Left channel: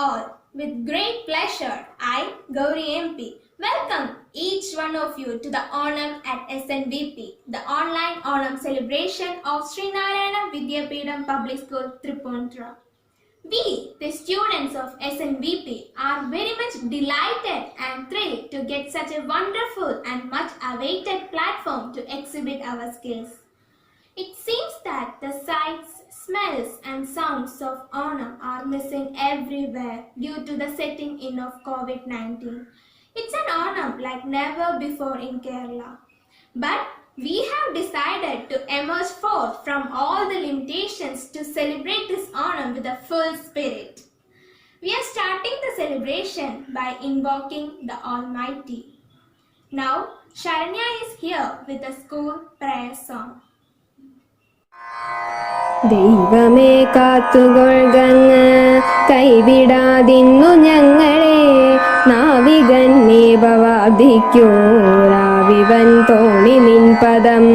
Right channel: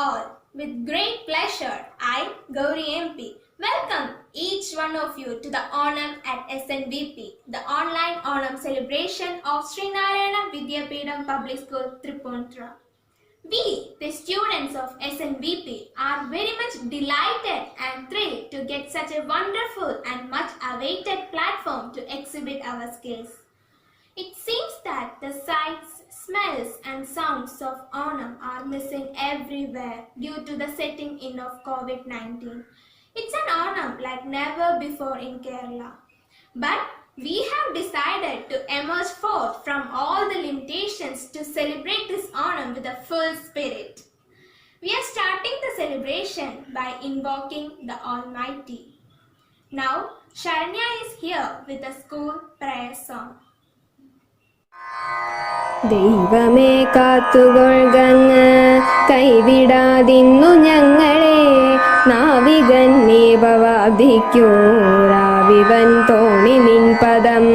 all. With great pleasure, I, Gauri MP, welcome each one of you to the Onam at SNVP, the online Onam celebration of Srinarayana Vidyapeetham Public School, Tripundra. We, the students of SNVP, are very much delighted and thrilled to get such a wonderful and much awaited platform to exhibit our skills. It seems that the sights, smells and sounds of Onam are missing everywhere due to the setting in of COVID-19. It's an Onam like never before in Kerala. But we have decided to emerge forth from all the limitations to celebrate this Onam with a full spirit. We are starting the celebration by invoking the Almighty. Now, Sharanya is here with a school prayer song. ദൈവമേ കാത്തുകൊള്ളുകങ്ങ് കൈവിടാതിന്നു ഞങ്ങളെ നാവികന്നീപവാദിക്കൂരാവിവൻ തോണി നിൻ പദം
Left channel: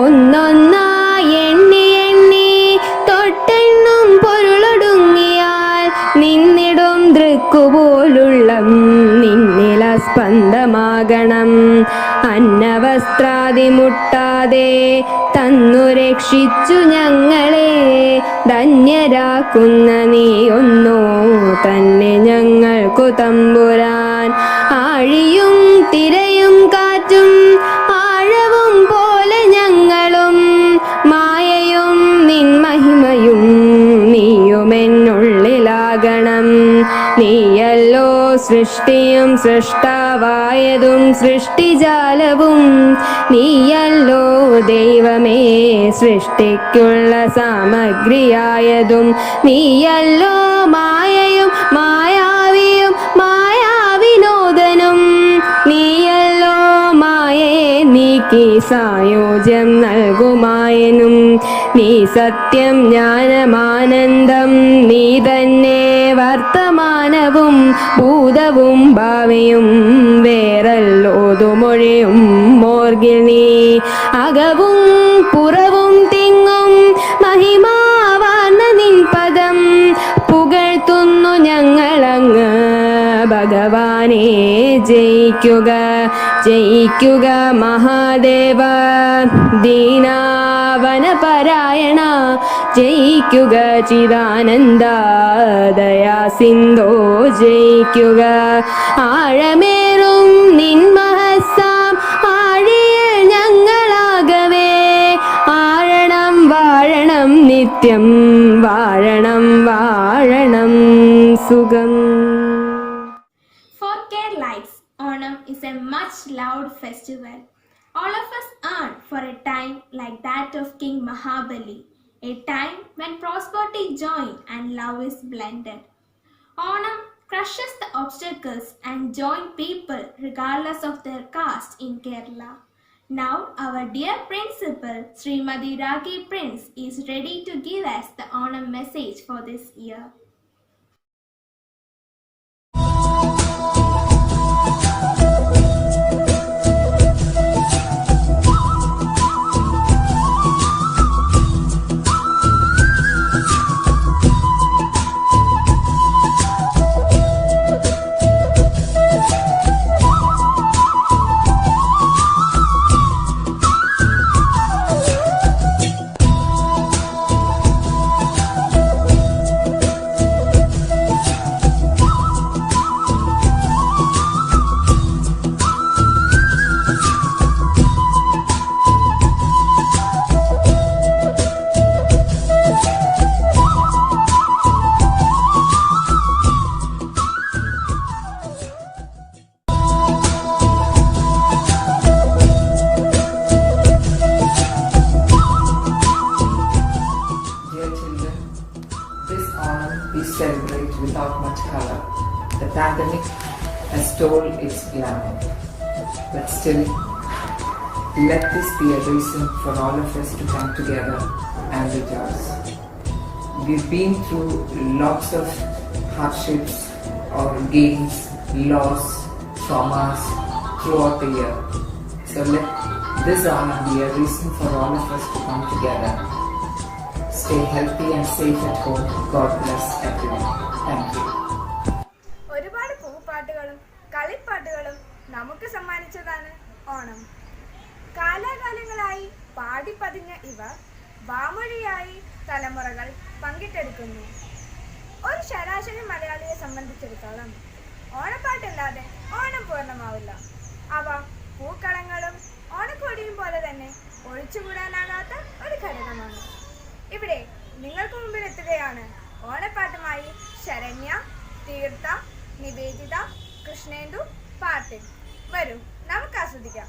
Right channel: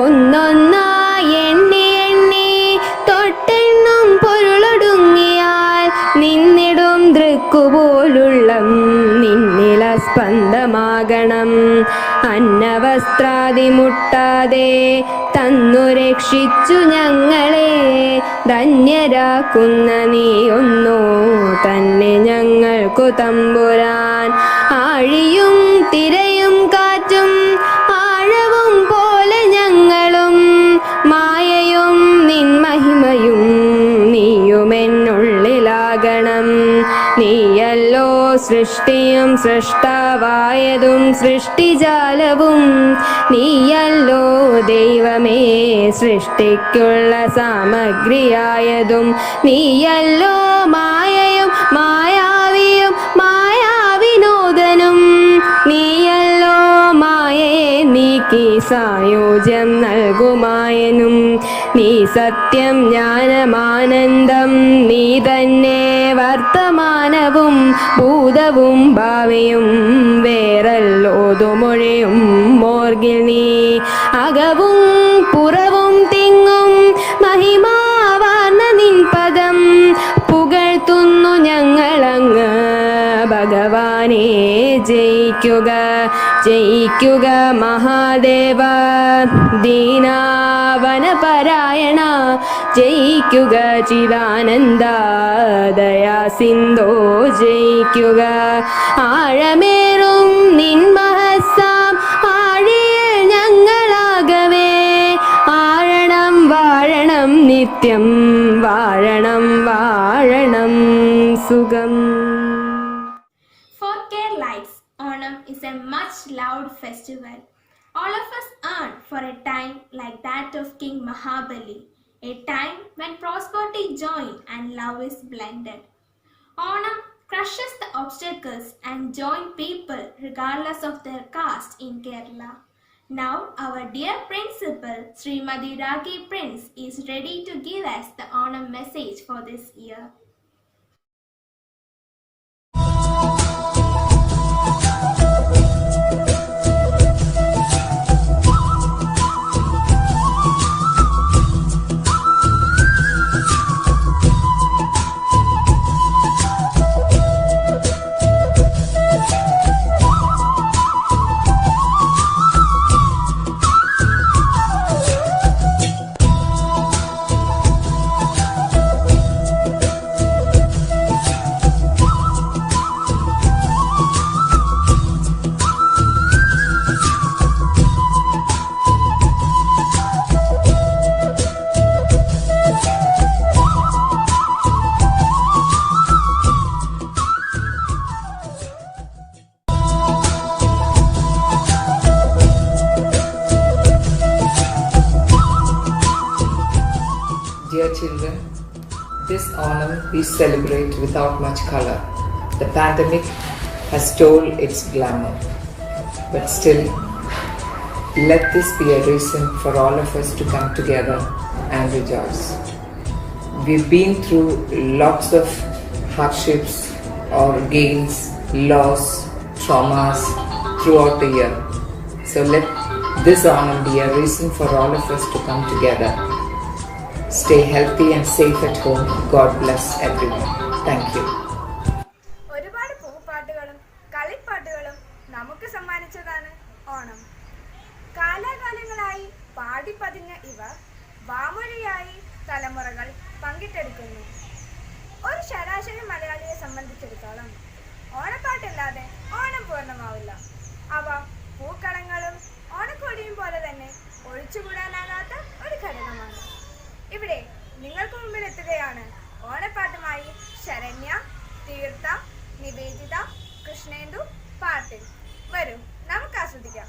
ഒന്നൊന്നായി എണ്ണി എണ്ണി തൊട്ടെണ്ണും പൊരുളൊടുങ്ങിയാൽ നിന്നിടും ദൃക്കുപോലുള്ളം നിന്നില സ്പന്ദമാകണം അന്നവസ്ത്രാദി മുട്ടാതെ തന്നു രക്ഷിച്ചു ഞങ്ങളെ ധന്യരാക്കുന്ന നീയൊന്നോ തന്നെ ഞങ്ങൾക്കു തമ്പുരാൻ ആഴിയും തിരയും കാറ്റും ആഴവും പോലെ ഞങ്ങളും മായയും നിൻ മഹിമയും നീയുമെന്നുള്ളിലാകണം നീയല്ലോ സൃഷ്ടിയും സൃഷ്ടാവായതും സൃഷ്ടിജാലവും നീയല്ലോ ദൈവമേ സൃഷ്ടിക്കുള്ള സാമഗ്രിയായതും നീയല്ലോ മായയും മായാവിയും മായാവിനോദനും നീയല്ലോ മായയെ നീക്കി സായോജ്യം നൽകുമായനും നീ സത്യം ജ്ഞാനമാനന്ദം നീ തന്നെ വർത്തമാനവും ഭൂതവും ഭാവിയും വേറല്ലോതുമൊഴിയും മോർഗിൽ നീ അകവും പുറവും തിങ്ങും മഹിമാവാർന്ന നിൻ പദം പുകഴ്ത്തുന്നു ഞങ്ങളങ്ങ് ഭഗവാനെ ജയിക്കുക ജയിക്കുക മഹാദേവ ദീനാവനപരായണ ജയിക്കുക ചിദാനന്ദ ദയാ സിന്ധോ ജയിക്കുക ആഴമേറും നിൻ മഹസ്സാം ആഴിയിൽ ഞങ്ങളാകവേ ആഴണം വാഴണം നിത്യം വാഴണം വാഴണം സുഖം. For Keralites, Onam is a much loved festival. All of us yearn for a time like that of King Mahabali, a time when prosperity joins and love is blended. Onam crushes the obstacles and joins people regardless of their caste in Kerala. Now our dear principal Srimadi Ragi Prince is ready to give us the Onam message for this year. Dear children, this Onam we celebrate without much color. The pandemic has stole its glamour. But still, let this be a reason for all of us to come together and rejoice. We've been through lots of hardships or gains, loss, traumas throughout the year. So let this Onam be a reason for all of us to come together. Stay healthy and safe at home. God bless everyone. Thank you. നമുക്ക് സമ്മാനിച്ചതാണ് ഓണം. കാലാകാലങ്ങളായി പാടിപ്പതിഞ്ഞ ഇവ വാമൊഴിയായി തലമുറകൾ പങ്കിട്ടെടുക്കുന്നു. ഒരു ശരാശരി മലയാളിയെ സംബന്ധിച്ചിടത്തോളം ഓണപ്പാട്ടില്ലാതെ ഓണം പൂർണ്ണമാവില്ല. അവ പൂക്കളങ്ങളും ഓണക്കോടിയും പോലെ തന്നെ ഒഴിച്ചുകൂടാനാകാത്ത ഒരു ഘടകമാണ്. ഇവിടെ നിങ്ങൾക്ക് മുമ്പിൽ എത്തുകയാണ് ഓണപ്പാട്ടുമായി ശരണ്യ, തീർത്ഥ, നിവേദിത, കൃഷ്ണേന്ദു, പാർട്ടിൽ. വരൂ, നമുക്ക് ആസ്വദിക്കാം.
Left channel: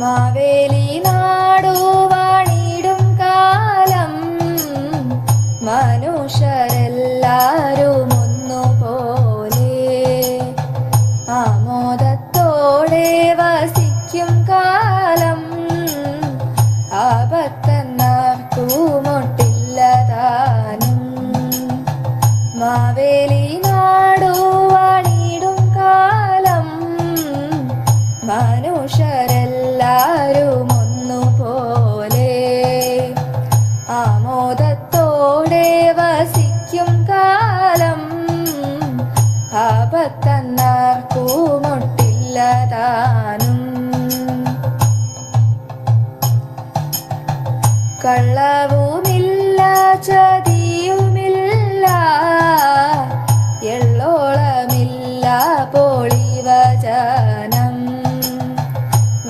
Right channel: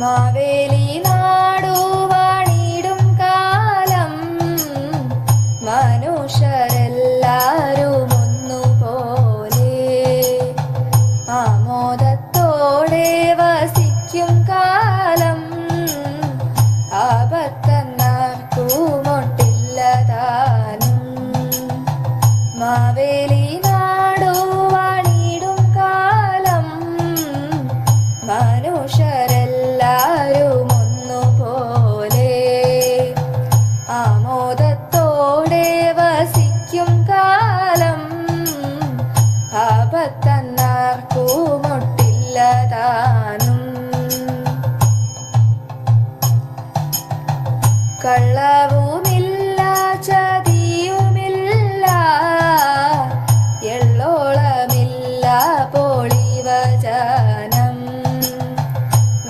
മാവേലി നാടുവാണിടും കാലം മനുഷ്യരെല്ലാരും ഒന്നുപോലെ ആമോദത്തോടെ വസിക്കും കാലം ആപത്തന്നാർക്കുമൊട്ടില്ലതാനും. മാവേലി നാടുവാണിടും കാലം മനുഷ്യരെല്ലാരും ഒന്നുപോലെ ആമോദത്തോടെ വസിക്കും കാലം ആപത്തന്നാർക്കുമൊട്ടില്ലതാനും. കള്ളവുമില്ല ചതിയുമില്ല എള്ളോളമില്ല പൊളിവചനം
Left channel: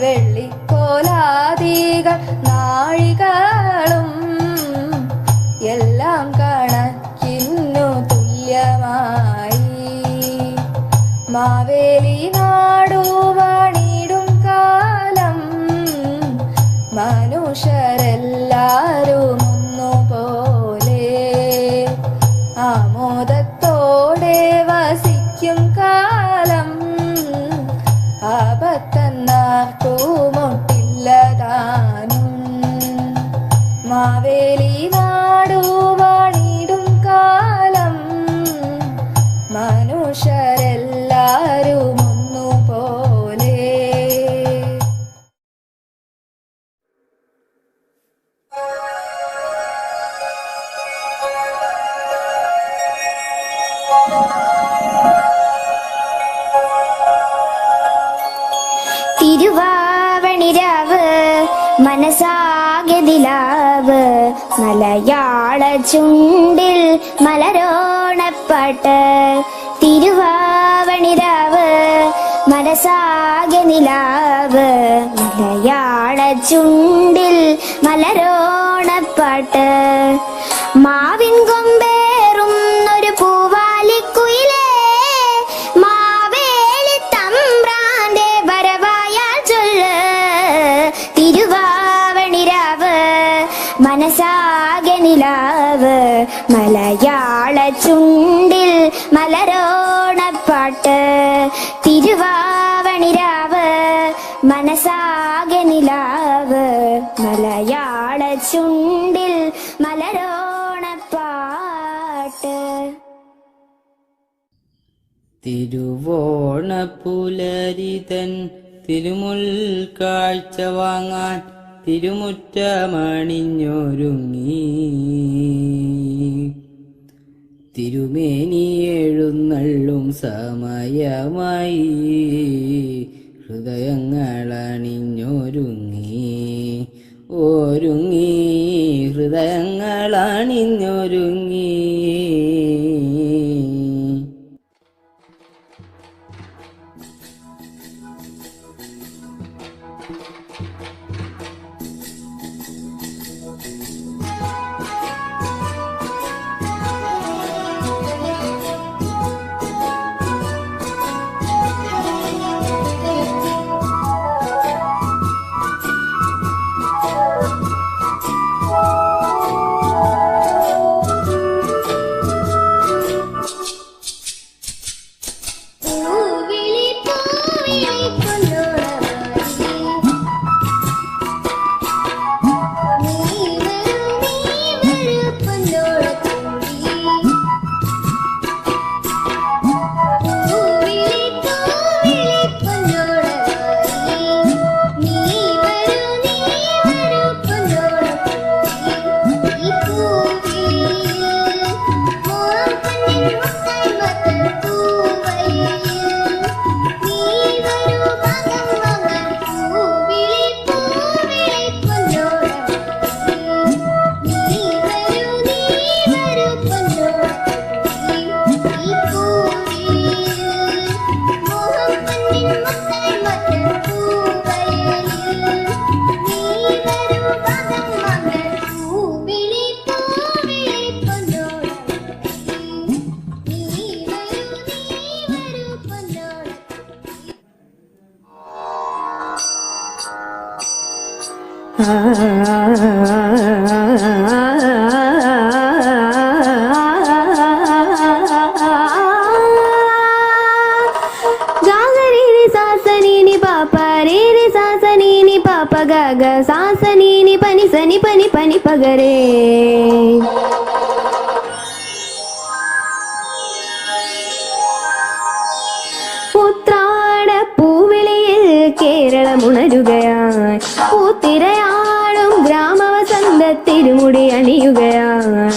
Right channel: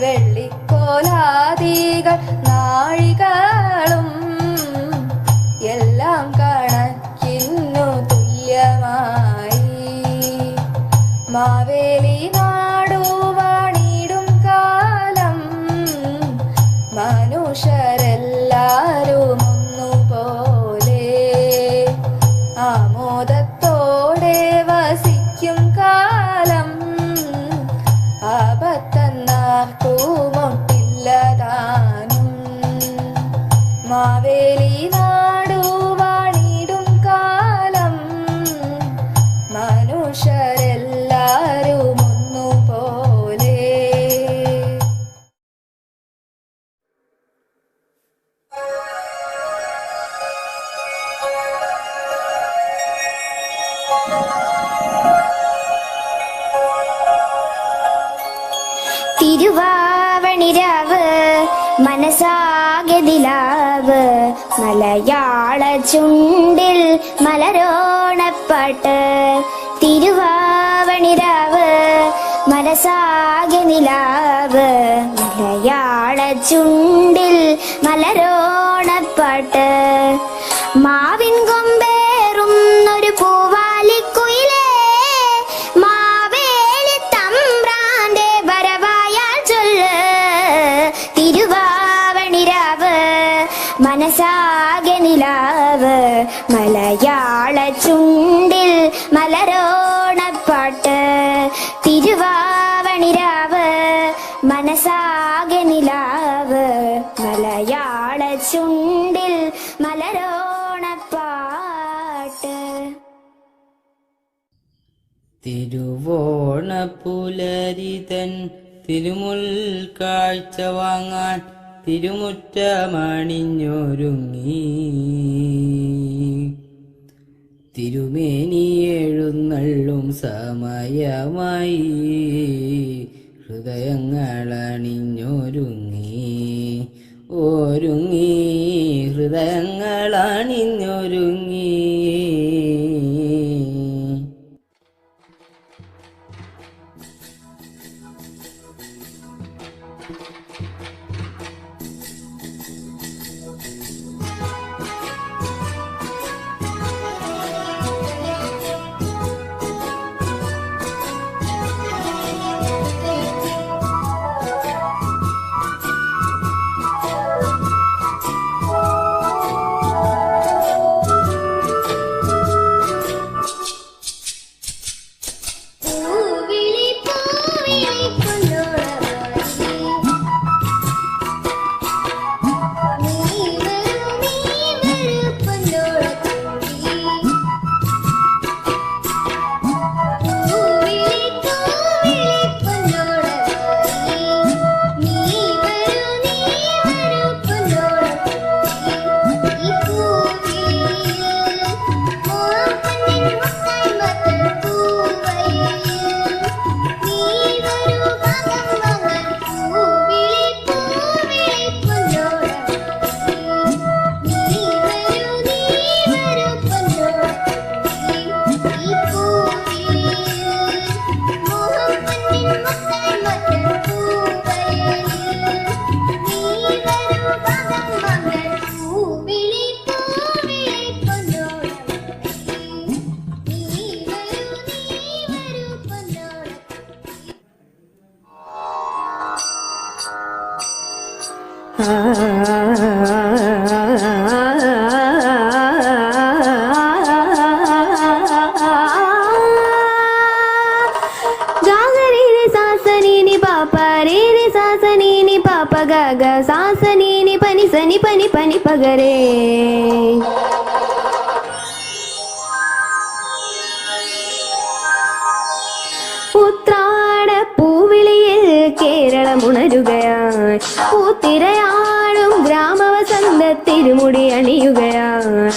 വെള്ളിക്കോലാദികൾ നാഴികളും എല്ലാം കണക്കിന്നു തുല്യമായി. മാവേലി നാടുവാണിടും കാലം മനുഷ്യരെല്ലാരും ഒന്നുപോലെ ആമോദത്തോടെ വസിക്കും കാലം ആപത്തന്നാർക്കുമൊട്ടില്ലതാനും. മാവേലി നാടുവാണിടും കാലം മനുഷ്യരെല്ലാരും ഒന്നുപോലെ. തിരുവാവണിരാവ് മനസാകെതിലാവ് മലയാള ചുണ്ടിൽ മലരോണപ്പാട്ട്. തിരുവാവണിരാവ് മനസാകെനിലാവ് മലയാള ചുണ്ടിൽ മലരോണപ്പാട്ട്. മാവിൻ കൊമ്പേറും ഒരു പൂവാലിക്കുയിലേ മാവേലി തമ്പ്രാന്റെ വരവായാൽ ചൊല്ല്. തിരുവാവണിരാവ് മനസാകെനിലാവ് മലയാള ചുണ്ടിൽ മലരോണപ്പാട്ട്. തിരുവാവണിരാവ് മനസാകെനിലാവ് മലയാള ചുണ്ടിൽ മലരോണപ്പാട്ട്. തിരുവോണപ്പുലരിതൻ തിരുമുൽ കാഴ്ച വാങ്ങാൻ തിരുമുറ്റമണിഞ്ഞൊരുങ്ങി തിരുമേനി എഴുന്നള്ളും സമയമായി ഹൃദയങ്ങളണിഞ്ഞൊരുങ്ങി ഒരുങ്ങി ഹൃദയങ്ങളണിഞ്ഞൊരുങ്ങി. ഗാഗരീനി സാസനീനി പാപ്പ രേരി സാസനീനി പാപ്പ ഗഗ സാസനീനി പനി സനി പനി പനി പഗരേ. ഉത്രാട പൂവിളിയിൽ കേരളമുണരുകയായി, പൂത്തിരയാടും ഗ്രാമവസന്ത തിരുമുടി അണിയുകയായി.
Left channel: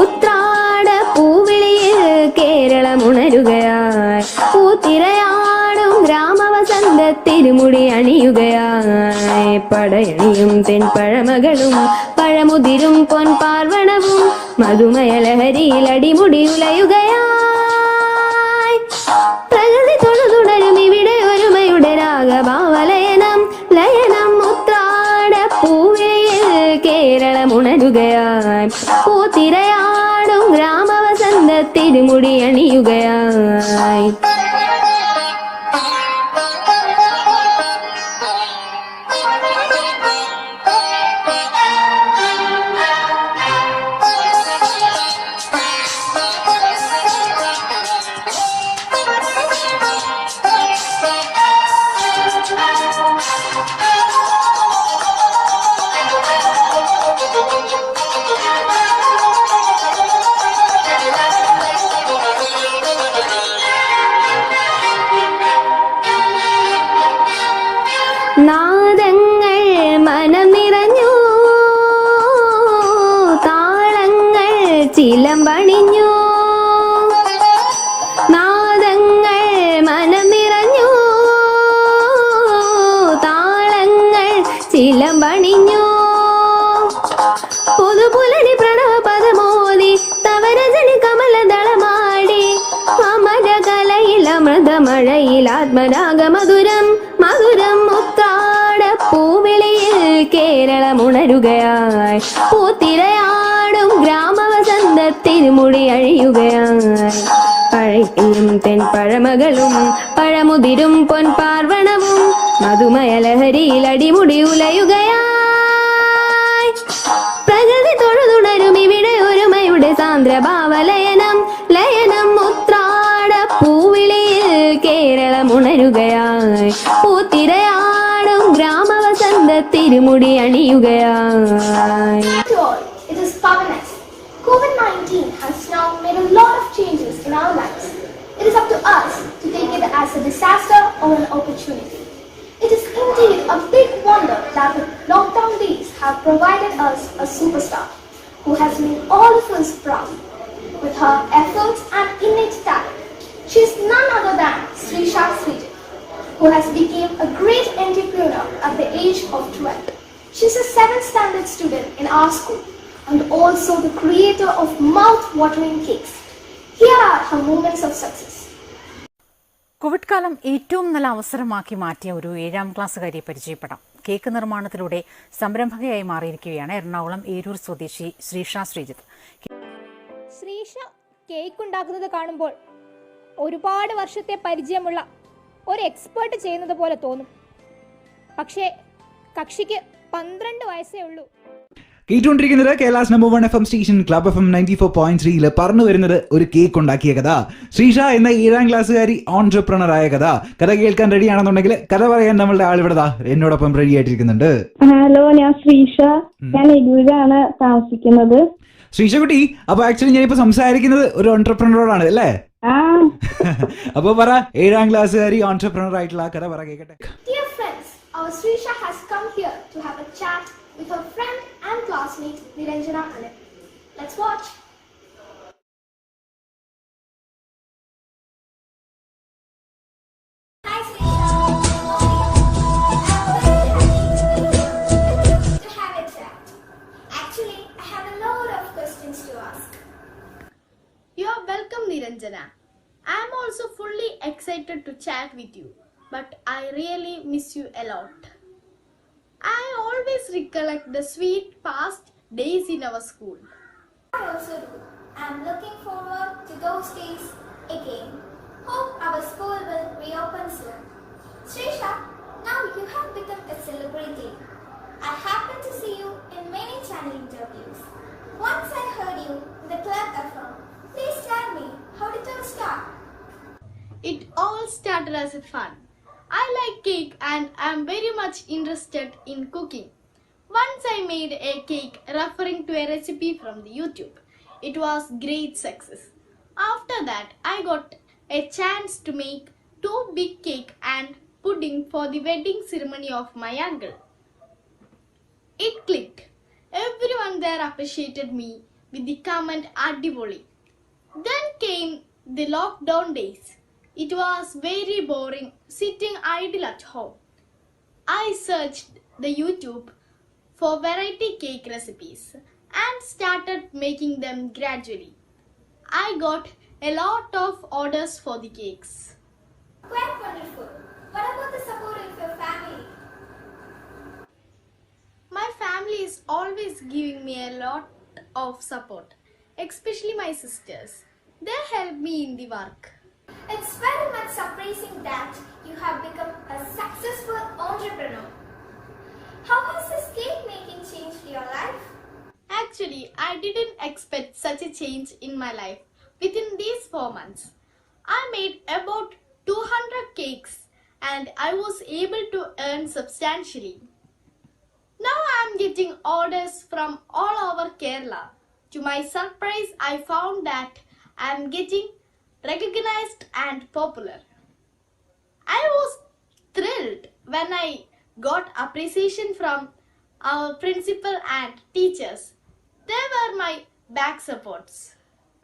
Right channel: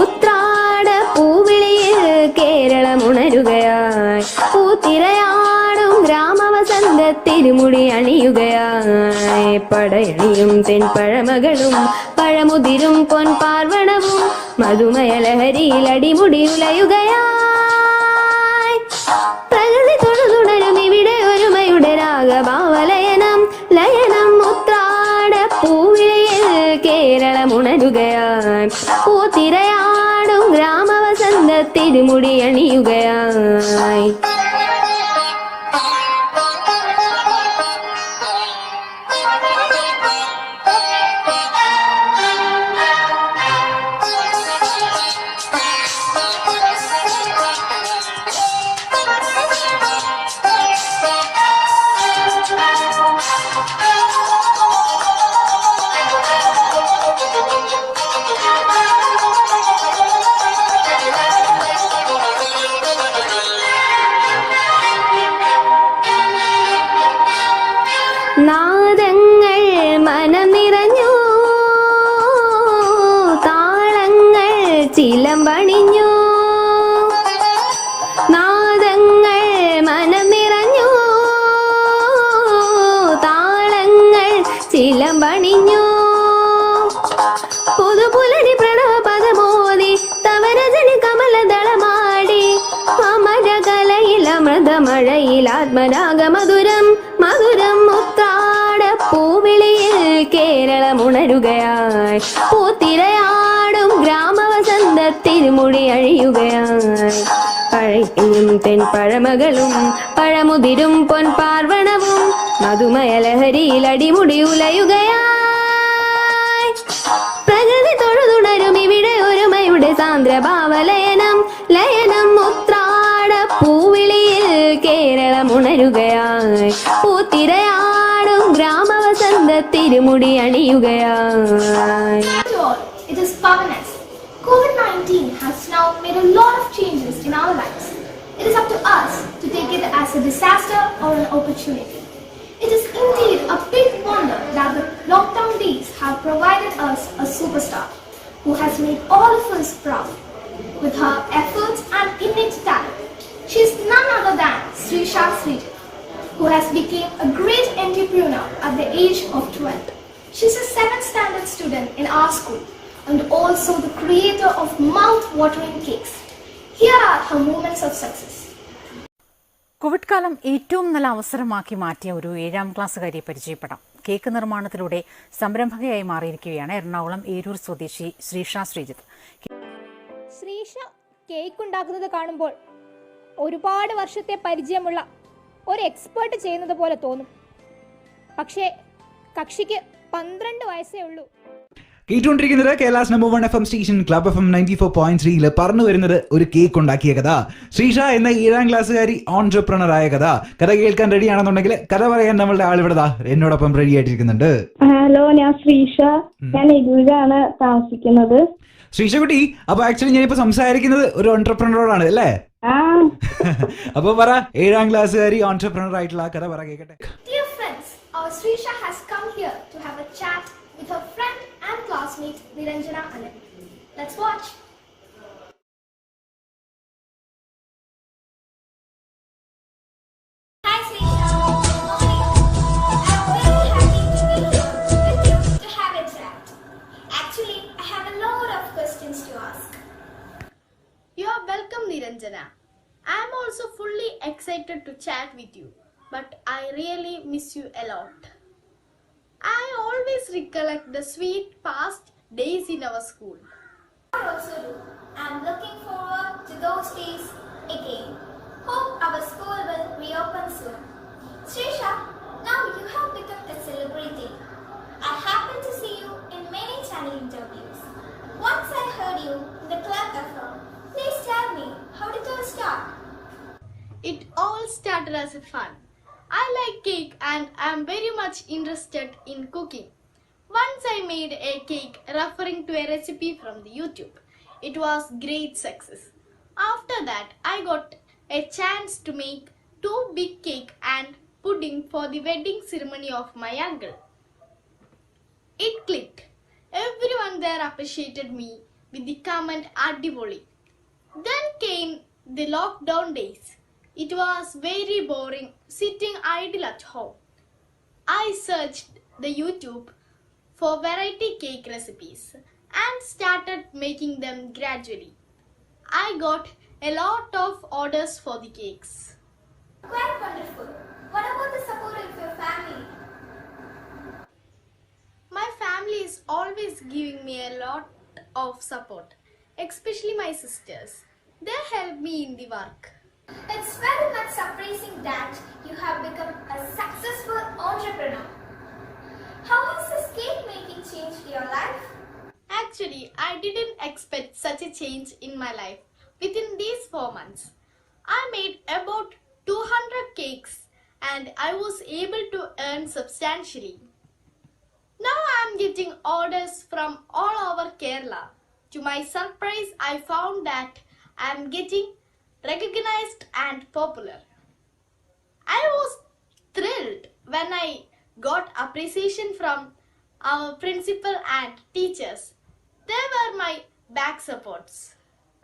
ഉത്രാട പൂവിളിയിൽ കേരളമുണരുകയായി, പൂത്തിരയാടും ഗ്രാമവസന്ത തിരുമുടി അണിയുകയായി. പടയണിയും തെൻപഴമകളും പഴമുതിരും പൊൻപാർവണവും മധുമയ ലഹരിയിൽ അടിമുടി ഉലയുകയായി. പ്രകൃതി തൊഴുതുണരും ഇവിടെ ഒരുമയുടെ രാഗഭാവലയനം ലയനം. ഉത്രാട പൂവിളിയിൽ കേരളമുണരുകയായി, പൂത്തിരയാടും ഗ്രാമവസന്ത തിരുമുടി അണിയുകയായി. നാദങ്ങൾ മനം നിറഞ്ഞു, താളങ്ങൾ ചിലമ്പണിഞ്ഞു. നാദങ്ങൾ മനം നിറഞ്ഞു, താളങ്ങൾ ചിലമ്പണിഞ്ഞു. പുതുപുലരി പ്രണവ പദമോദി തവരജനി കമലദളമാടി. അമരകലയിൽ അമൃതമഴയിൽ ആത്മരാഗമധുരം മധുരം. ഉത്രാട പൂവിളിയിൽ കേരളമുണരുകയായി, പൂത്തിരയാടും ഗ്രാമവസന്ത തിരുമുടി അഴിയുകയായി. പഴയും തെൻപഴമകളും പഴമുതിരും പൊൻപാർവണവും മധുമയ ലഹരിയിൽ അടിമുടി ഉലയുകയായി. പ്രകൃതി തൊഴുതുണരും ഇവിടെ ഒരുമയുടെ സാന്ദ്രഭാവലയനം ലയനം. ഉത്രാട പൂവിളിയിൽ കേരളമുണരുകയായി, പൂത്തിരയാടും ഗ്രാമവസന്ത തിരുമുടി അണിയുകയായി. To all, it is Pavanas. COVID-19 has now made a lot of changes in our lives. It is up to us to take it as a disaster or an opportunity. It is indeed a big wonder that the lockdown days have provided us a superstar who has made all of us proud. With her efforts and innate talent, she is none other than Srisha Srijit, who has become a great entrepreneur at the age of 12. She is a 7th standard student in our school and also the creator of mouth-watering cakes. Here are her moments of success. Covid കാലം ഏറ്റവും നല്ല അവസരമാക്കി മാറ്റിയ ഒരു 7ാം ക്ലാസ്സുകാരിയെ പരിചയപ്പെടാം. Cake നിർമ്മാണത്തിലൂടെ സംരംഭകയായി മാറിയിരിക്കുകയാണ് എറണാകുളം ഏരൂർ സ്വദേശി Sreesha Sreejith. Sreesha cake ഉണ്ടാക്കുന്നത് കാണുമ്പോൾ ഒരുപാട് വർഷത്തെ പരിചയമുള്ള ഒരു എക്സ്പേർട്ട് ചെയ്യുന്നത് പോലെ തോന്നും. പക്ഷേ കക്ഷിക്ക് 12 വയസ്സേ ഉള്ളൂ. കേട്ടുകൊണ്ടിരിക്കുന്നത് Kerala's number 1 FM station club FM 94.3 പറഞ്ഞു വരുന്നത് ഒരു കേക്ക് ഉണ്ടാക്കിയ കഥ. ശ്രീഷ എന്ന 7ാം ക്ലാസ്സുകാരി ഓൺട്രപ്രണർ ആയ കഥ. കഥ കേൾക്കാൻ റെഡി ആണെന്നുണ്ടെങ്കിൽ കഥ പറയാൻ നമ്മളുടെ ആളിവിടെ എന്നോടൊപ്പം റെഡി ആയിട്ടിരിക്കുന്നുണ്ട്. ഹലോ, ഞാൻ ശ്രീഷ. ഞാൻ എരൂരാണ് താമസിക്കുന്നത്. ശ്രീഷ കുട്ടി, അപ്പൊ ആക്ച്വലി ഞാനിപ്പോ സംസാരിക്കുന്നത് ഒരു ഓൺട്രപ്രണറോടാണ് അല്ലേ? അപ്പൊ പറ, 7ാം ക്ലാസ്സുകാരി ഓൺട്രപ്രണർ ആയിട്ടുള്ള കഥ പറ കേക്കട്ടെ. Dear friends, our Srisha has come here to have a chat with her friend and classmate Niranjana Anand. Let's watch. Hi Srisha. To have a chat. Actually, I have a lot of questions to ask. You are welcome, Niranjana. I am also fully excited to chat with you, but I really miss you a lot. I always recollect the sweet past days in our school. I also do. I am looking forward to those days again. Hope our school will reopen soon. Srisha, now you have become a celebrity. I happened to see you in many channel interviews. Once I heard you in the Club FM. Please tell me, how did it start? It all started as a fun. I like cake and am very much interested in cooking. Once I made a cake referring to a recipe from the YouTube. It was great success. After that, I got a chance to make 2 big cake and pudding for the wedding ceremony of my uncle. It clicked. Everyone there appreciated me with the comment "Adivoli." Then came the lockdown days. It was very boring sitting idle at home. I searched the YouTube for variety cake recipes and started making them gradually. I got a lot of orders for the cakes. Quite wonderful. What about the support of your family? My family is always giving me a lot of support, especially my sisters. They help me in the work. It's very much surprising that you have become a successful entrepreneur. How has this cake making changed your life? Actually, I didn't expect such a change in my life within these 4 months. I made about 200 cakes and I was able to earn substantially. Now I am getting orders from all over Kerala. To my surprise, I found that I am getting recognized and popular. I was thrilled when I got appreciation from our principal and teachers. They were my back supports.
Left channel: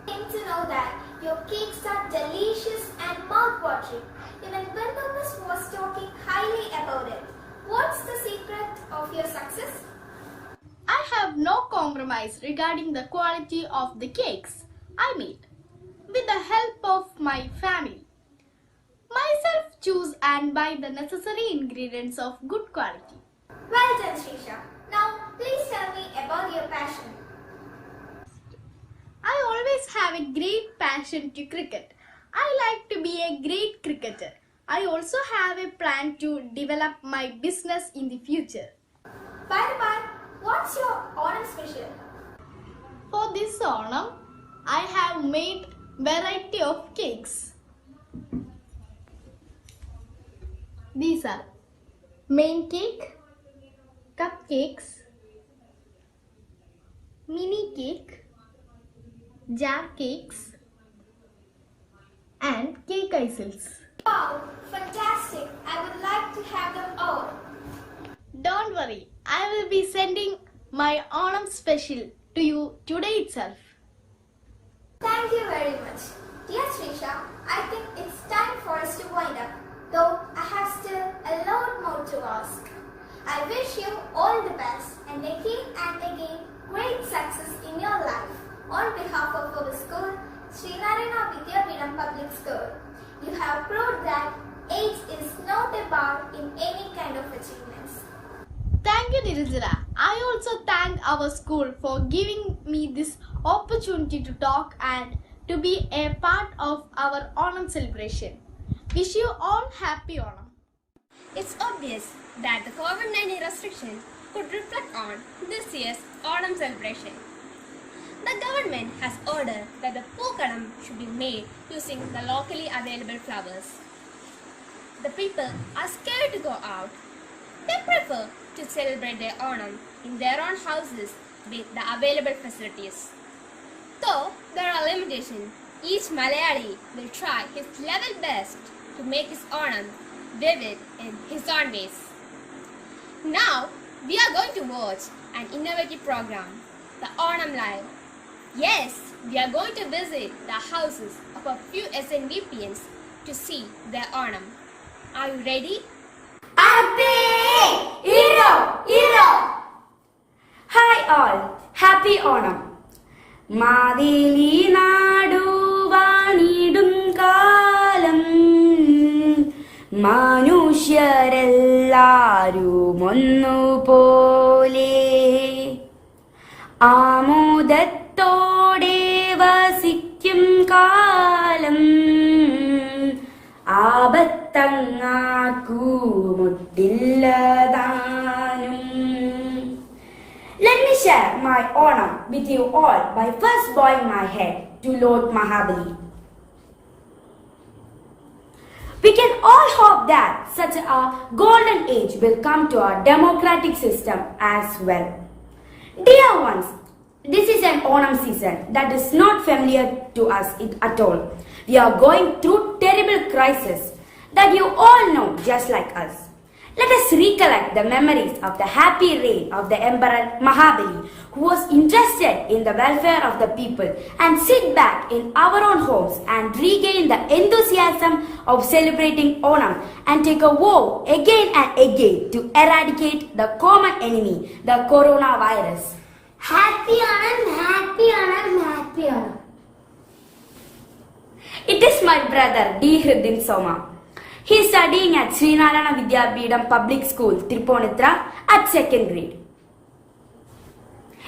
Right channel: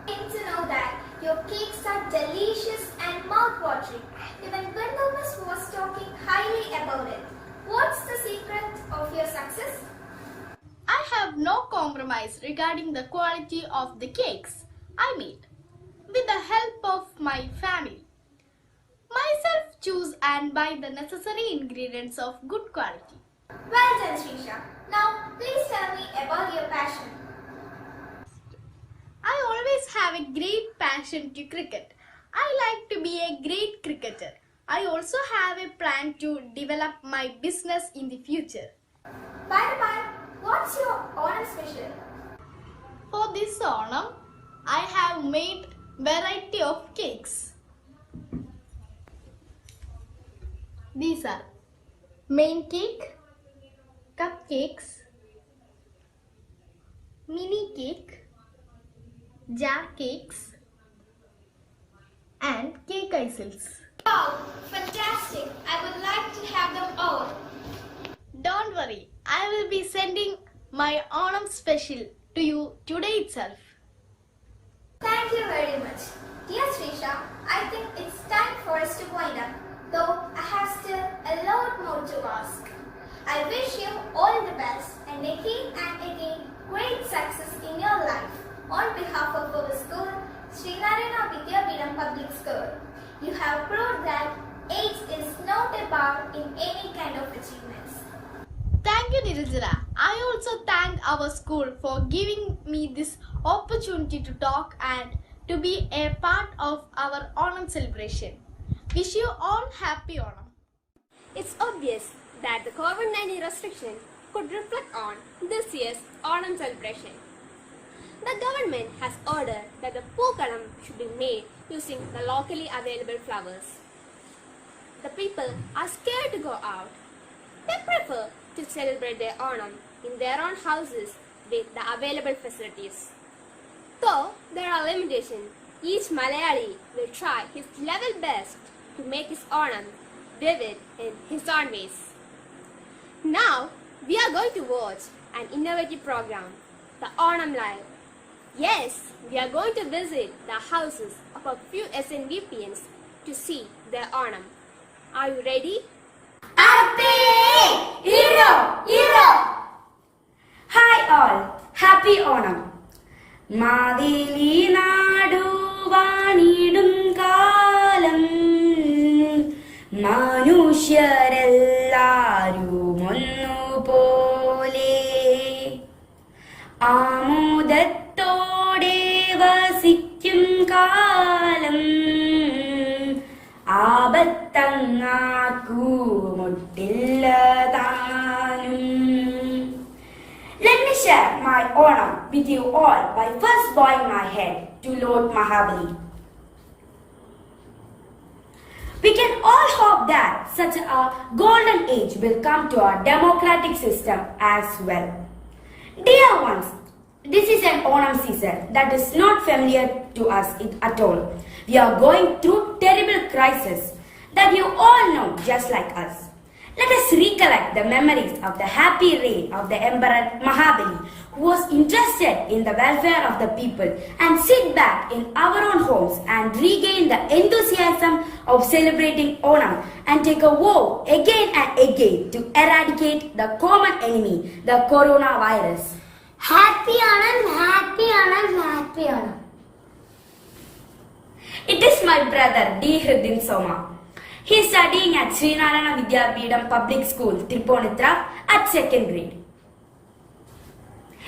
To know that your cakes are delicious and mouth-watering. Even Ben Thomas was talking highly about it. What's the secret of your success? I have no compromise regarding the quality of the cakes I made. With the help of my family, myself choose and buy the necessary ingredients of good quality. Well done, Srisha. Now, please tell me about your passion. I always have a great passion to cricket. I like to be a great cricketer. I also have a plan to develop my business in the future. By the by, what's your Onam special? For this Onam, I have made variety of cakes. These are main cake, cupcakes, mini cake, jar cakes and cake icicles. Wow, fantastic. I would like to have them all. Don't worry, I will be sending my Onam special to you today itself. Thank you very much. Dear Srisha, I think it's time for us to wind up, though I have still a lot more to ask. I wish you all the best and again great success in your life. On behalf of our school, Srinarayana Vidyapeetham Public School, you have proved that age is not a bar in any kind of achievements. Thank you, Niranjana. I also thank our school for giving me this opportunity to talk and to be a part of our Onam celebration. Wish you all happy Onam. It's obvious that the COVID-19 restriction could reflect on this year's Onam celebration. The government has ordered that the Pookalam should be made using the locally available flowers. The people are scared to go out. They prefer to celebrate their Onam in their own houses with the available facilities. Though there are limitations, each Malayali will try his level best to make his Onam vivid in his own ways. Now, we are going to watch an innovative program, the Onam Live. Yes, we are going to visit the houses of a few SNVPNs to see their Onam. Are you ready? Hi all, happy Onam. Maveli നാടുവാണിടും കാലം മനുഷ്യരെല്ലാരും ഒന്നുപോലെ ആമോദത്തോടെ വസിക്കും കാലം ആപത്തങ്ങാർക്കുമുട്ടില്ലതാനും all by first bowing my head to Lord Mahabali. We can all hope that such a golden age will come to our democratic system as well. Dear ones, this is an Onam season that is not familiar to us at all. We are going through terrible crisis that you all know just like us. Let us recollect the memories of the happy reign of the Emperor Mahabali, who was interested in the welfare of the people, and sit back in our own homes and regain the enthusiasm of celebrating Onam and take a vow again and again to eradicate the common enemy, the coronavirus. Happy Onam, happy Onam, happy Onam. It is my brother D. Hridin Soma. He is studying at Srinarayana Vidyapitham Public School, Tripunithura at 2nd grade.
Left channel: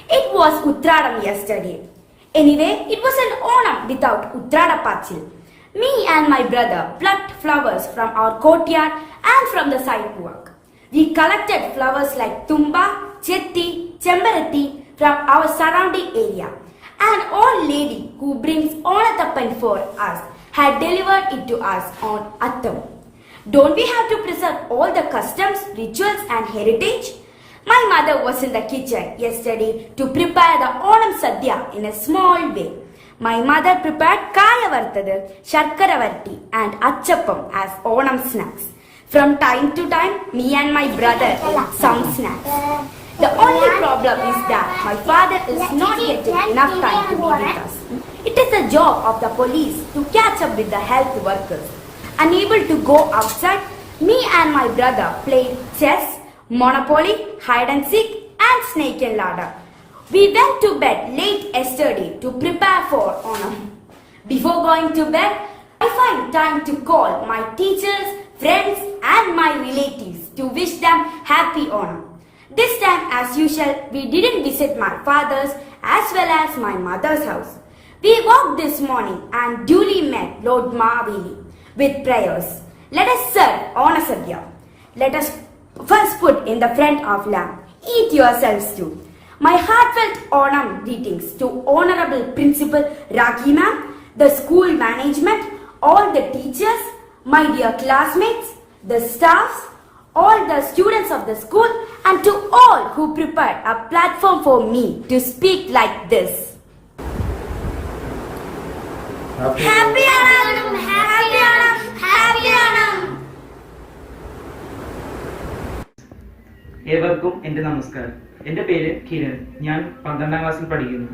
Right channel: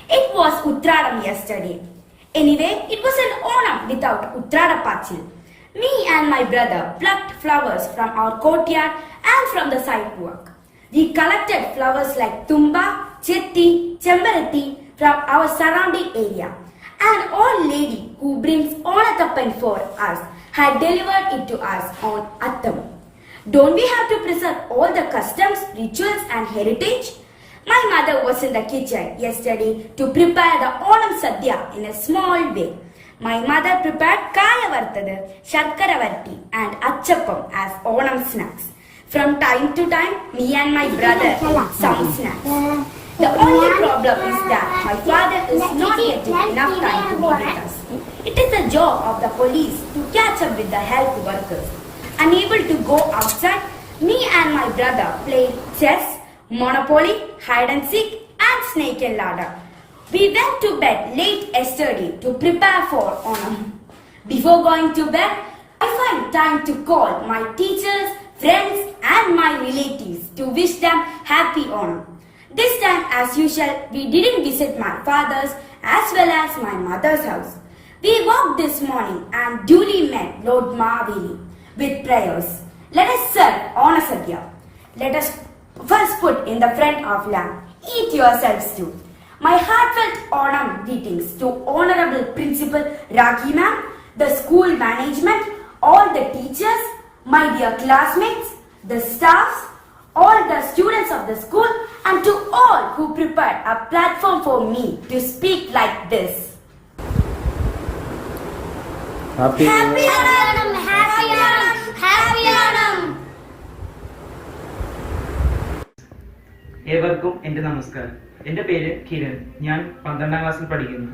It was Uttradam yesterday. Anyway, it was an Onam without Utradapachil. Me and my brother plucked flowers from our courtyard and from the sidewalk. We collected flowers like Tumba, Chetti, Chembarati from our surrounding area. An old lady who brings Onatappan for us had delivered it to us on Attam. Don't we have to preserve all the customs, rituals and heritage? My mother was in the kitchen yesterday to prepare the Onam Sadhya in a small way. My mother prepared Kaya Vartadu, Sharkara Varti and Achappam as Onam snacks. From time to time, me and my brother ate some snacks. The only problem is that my father is not getting enough time to be with us. It is the job of the police to catch up with the health workers. Unable to go outside, me and my brother played chess, Monopoly, hide and seek and snake and ladder. We went to bed late yesterday to prepare for Onam. Before going to bed, I find time to call my teachers, friends and my relatives to wish them happy Onam. This time, as usual, we didn't visit my father's as well as my mother's house. We walked this morning and duly met Lord Mahabali with prayers. Let us serve Onam Sadhya. Let us first put in the front of lamb. Eat yourselves too. My heartfelt Onam greetings to Honorable Principal Rakhi Ma'am, the school management, all the teachers, my dear classmates, the staffs, all the students of the school, and to all who prepared a platform for me to speak like this. Happy Onam, happy Onam, happy Onam. ഏവർക്കും എൻ്റെ നമസ്കാരം. എൻ്റെ പേര് കിരൺ. ഞാൻ 12ാം ക്ലാസ്സിൽ പഠിക്കുന്നു.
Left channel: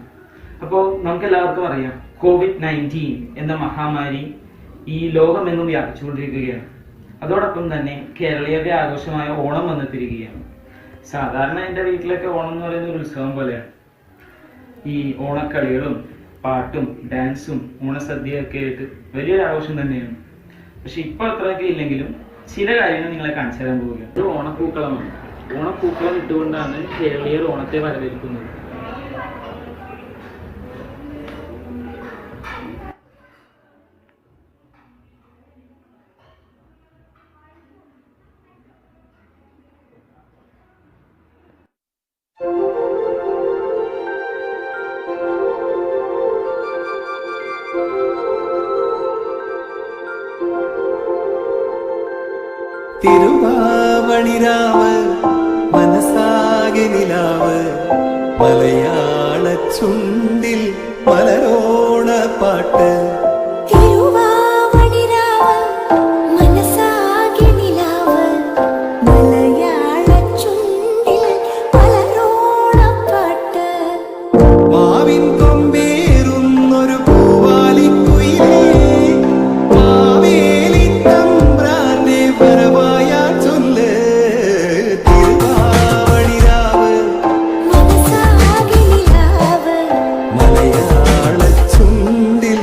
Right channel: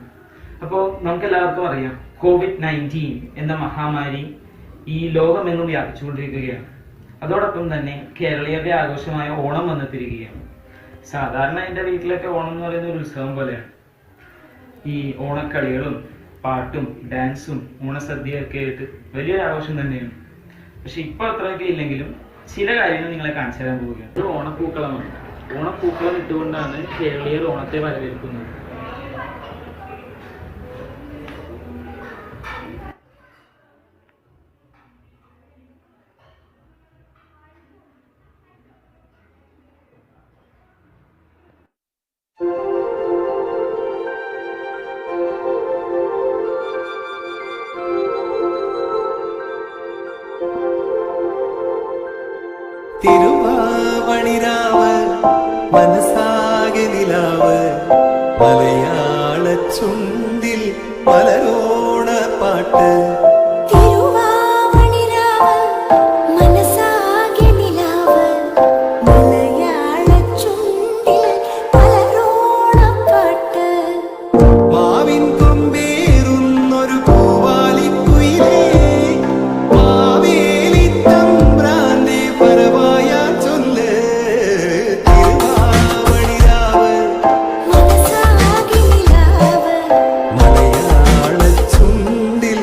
അപ്പോൾ നമുക്കെല്ലാവർക്കും അറിയാം, COVID-19 എന്ന മഹാമാരി ഈ ലോകമെങ്ങും വ്യാപിച്ചുകൊണ്ടിരിക്കുകയാണ്. അതോടൊപ്പം തന്നെ കേരളീയരുടെ ആഘോഷമായ ഓണം വന്നെത്തിരിക്കുകയാണ്. സാധാരണ എൻ്റെ വീട്ടിലൊക്കെ ഓണം എന്ന് പറയുന്ന ഒരു ഉത്സവം പോലെയാണ്. ഈ ഓണക്കളികളും പാട്ടും ഡാൻസും ഓണസദ്യയൊക്കെ ആയിട്ട് വലിയൊരു ആഘോഷം തന്നെയാണ്. പക്ഷെ ഇപ്പോൾ അത്രയൊക്കെ ഇല്ലെങ്കിലും ചില കാര്യങ്ങൾ നിങ്ങളെ കാണിച്ചു തരാൻ പോവുകയാണ്. ഒരു ഓണപ്പൂക്കളമാണ്. ഓണപ്പൂക്കളം ഇട്ടുകൊണ്ടാണ് കേരളീയർ ഓണത്തെ വരവേൽക്കുന്നത്. തിരുവാവണിരാവ് മനസാകെ നിലാവ് മലയാള ചുണ്ടിൽ മലരോണ പാട്ട്. തിരുവാവണിരാവ് മനസാകെ നിലാവ് മലയാള ചുണ്ടിൽ മലരോണപ്പാട്ട്. മാവിൻ കൊമ്പേറുന്നൊരു പൂവാലിക്കുയിലേ മാവേലി തമ്പ്രാന്റെ വരവായാ ചൊല്ല്. തിരുവാവണിരാവ് മനസാകെ നിലാവ് മലയാള ചുണ്ടിൽ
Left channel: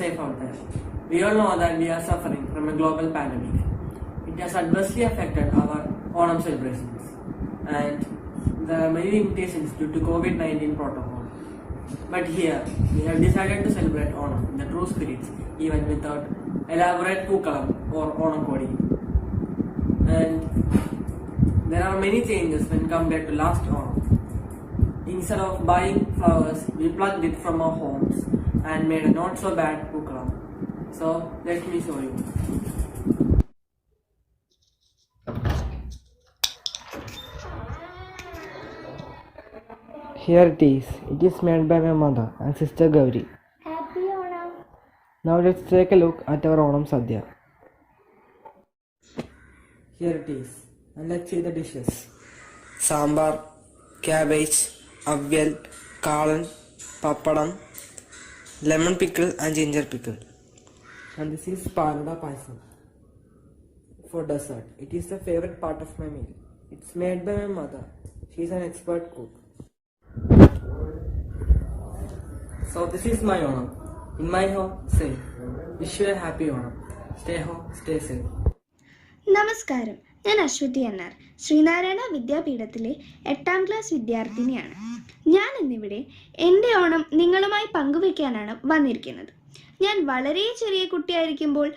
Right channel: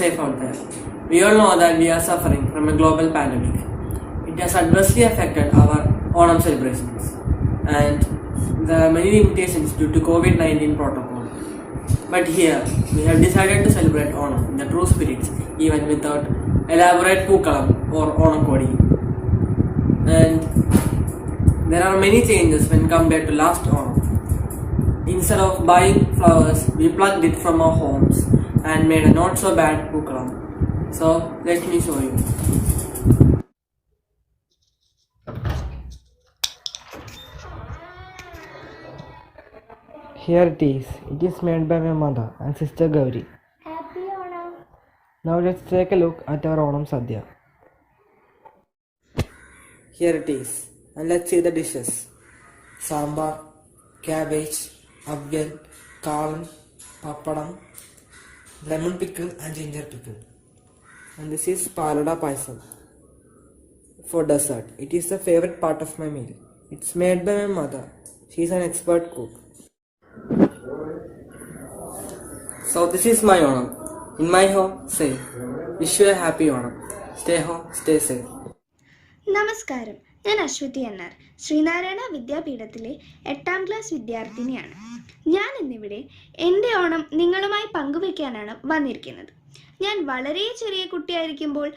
safe out there. We all know that we are suffering from a global pandemic. It has adversely affected our Onam celebrations, and there are many limitations due to COVID-19 protocol. But here, we have decided to celebrate Onam in the true spirit, even without elaborate Pookalam or Onam Kodi. And there are many changes when compared to last Onam. Instead of buying flowers, we plucked it from our homes and made a not so bad Pookalam. So, let me show you. Here it is. It is made by my mother and sister Gauri. Happy Onam! Now let's take a look at our Onam Sadhya. Here it is. And let's see the dishes. Sambar, cabbage, avyal, kalan, papadam, lemon pickle and ginger pickle. And this is palada paisam for dessert. It is the favorite part of my meal. It's made by my mother. She is an expert cook. So this is my Onam. In my home, say, wish you a happy Onam. Stay home, stay safe. നമസ്കാരം, ഞാൻ Aswathy എന്നാർ, Sreenarayana വിദ്യാപീഠത്തിലെ 8ാം class വിദ്യാർത്ഥിനിയാണ്. ഞാൻ ഇന്നിവിടെ എൻ്റെ ഓണം നിങ്ങളുമായി പങ്കുവയ്ക്കാനാണ് വന്നിരിക്കുന്നത്. ഞാൻ വളരെ ചെറിയ കുട്ടിയായിരിക്കുമ്പോൾ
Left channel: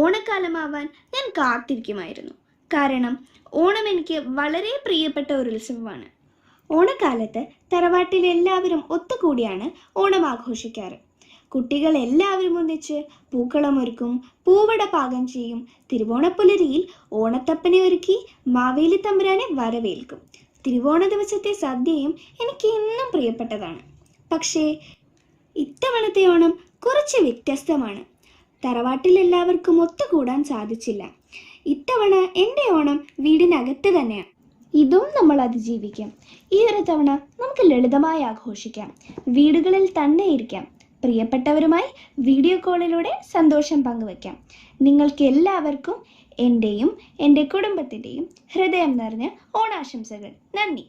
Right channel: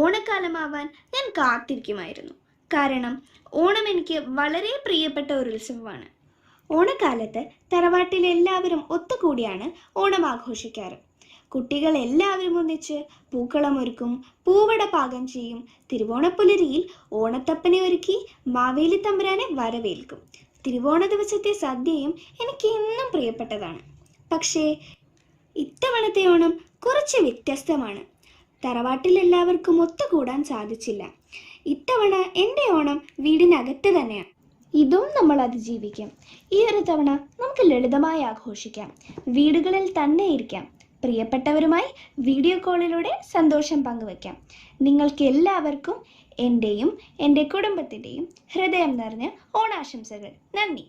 ഓണക്കാലമാവാൻ ഞാൻ കാത്തിരിക്കുമായിരുന്നു. കാരണം ഓണം എനിക്ക് വളരെ പ്രിയപ്പെട്ട ഒരു ഉത്സവമാണ്. ഓണക്കാലത്ത് തറവാട്ടിൽ എല്ലാവരും ഒത്തുകൂടിയാണ് ഓണം ആഘോഷിക്കാറ്. കുട്ടികൾ എല്ലാവരും ഒന്നിച്ച് പൂക്കളമൊരുക്കും, പൂവട പാകം ചെയ്യും, തിരുവോണപ്പുലരിയിൽ ഓണത്തപ്പനെ ഒരുക്കി മാവേലി തമ്പുരാനെ വരവേൽക്കും. തിരുവോണ ദിവസത്തെ സദ്യയും എനിക്ക് എന്നും പ്രിയപ്പെട്ടതാണ്. പക്ഷേ ഇത്തവണത്തെ ഓണം കുറച്ച് വ്യത്യസ്തമാണ്. തറവാട്ടിൽ എല്ലാവർക്കും ഒത്തുകൂടാൻ സാധിച്ചില്ല. ഇത്തവണ എൻ്റെ ഓണം വീടിനകത്ത് തന്നെയാണ്. ഇതും നമ്മൾ അതിജീവിക്കാം. ഈ ഒരു തവണ നമുക്ക് ലളിതമായി ആഘോഷിക്കാം, വീടുകളിൽ തന്നെ ഇരിക്കാം, പ്രിയപ്പെട്ടവരുമായി വീഡിയോ കോളിലൂടെ സന്തോഷം പങ്കുവയ്ക്കാം. നിങ്ങൾക്ക് എല്ലാവർക്കും എൻ്റെയും എൻ്റെ കുടുംബത്തിൻ്റെയും ഹൃദയം നിറഞ്ഞ ഓണാശംസകൾ. നന്ദി.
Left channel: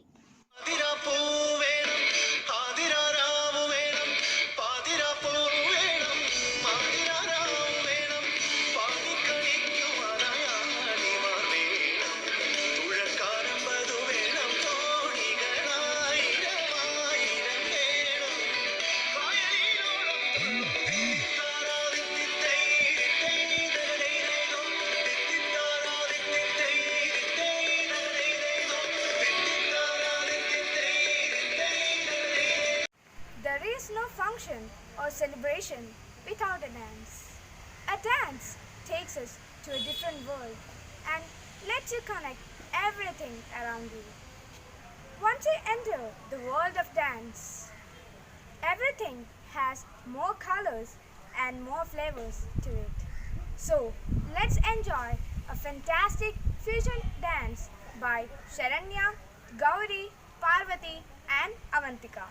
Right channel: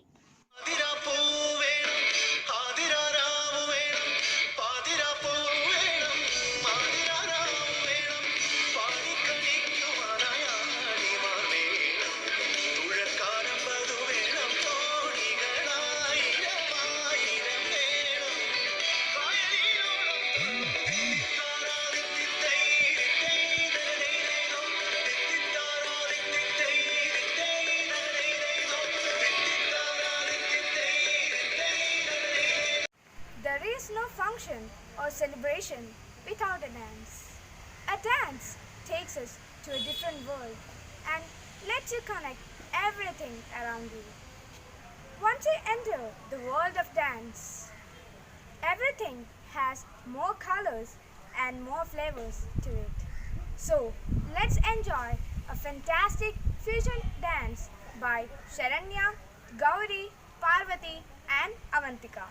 There is no function or celebration without a dance. A dance takes us to a different world and lets you connect everything around you. Once you enter the world of dance, everything has more colors and more flavors to it. So, let's enjoy a fantastic fusion dance by Sharanya, Gauri, Parvati and Avantika.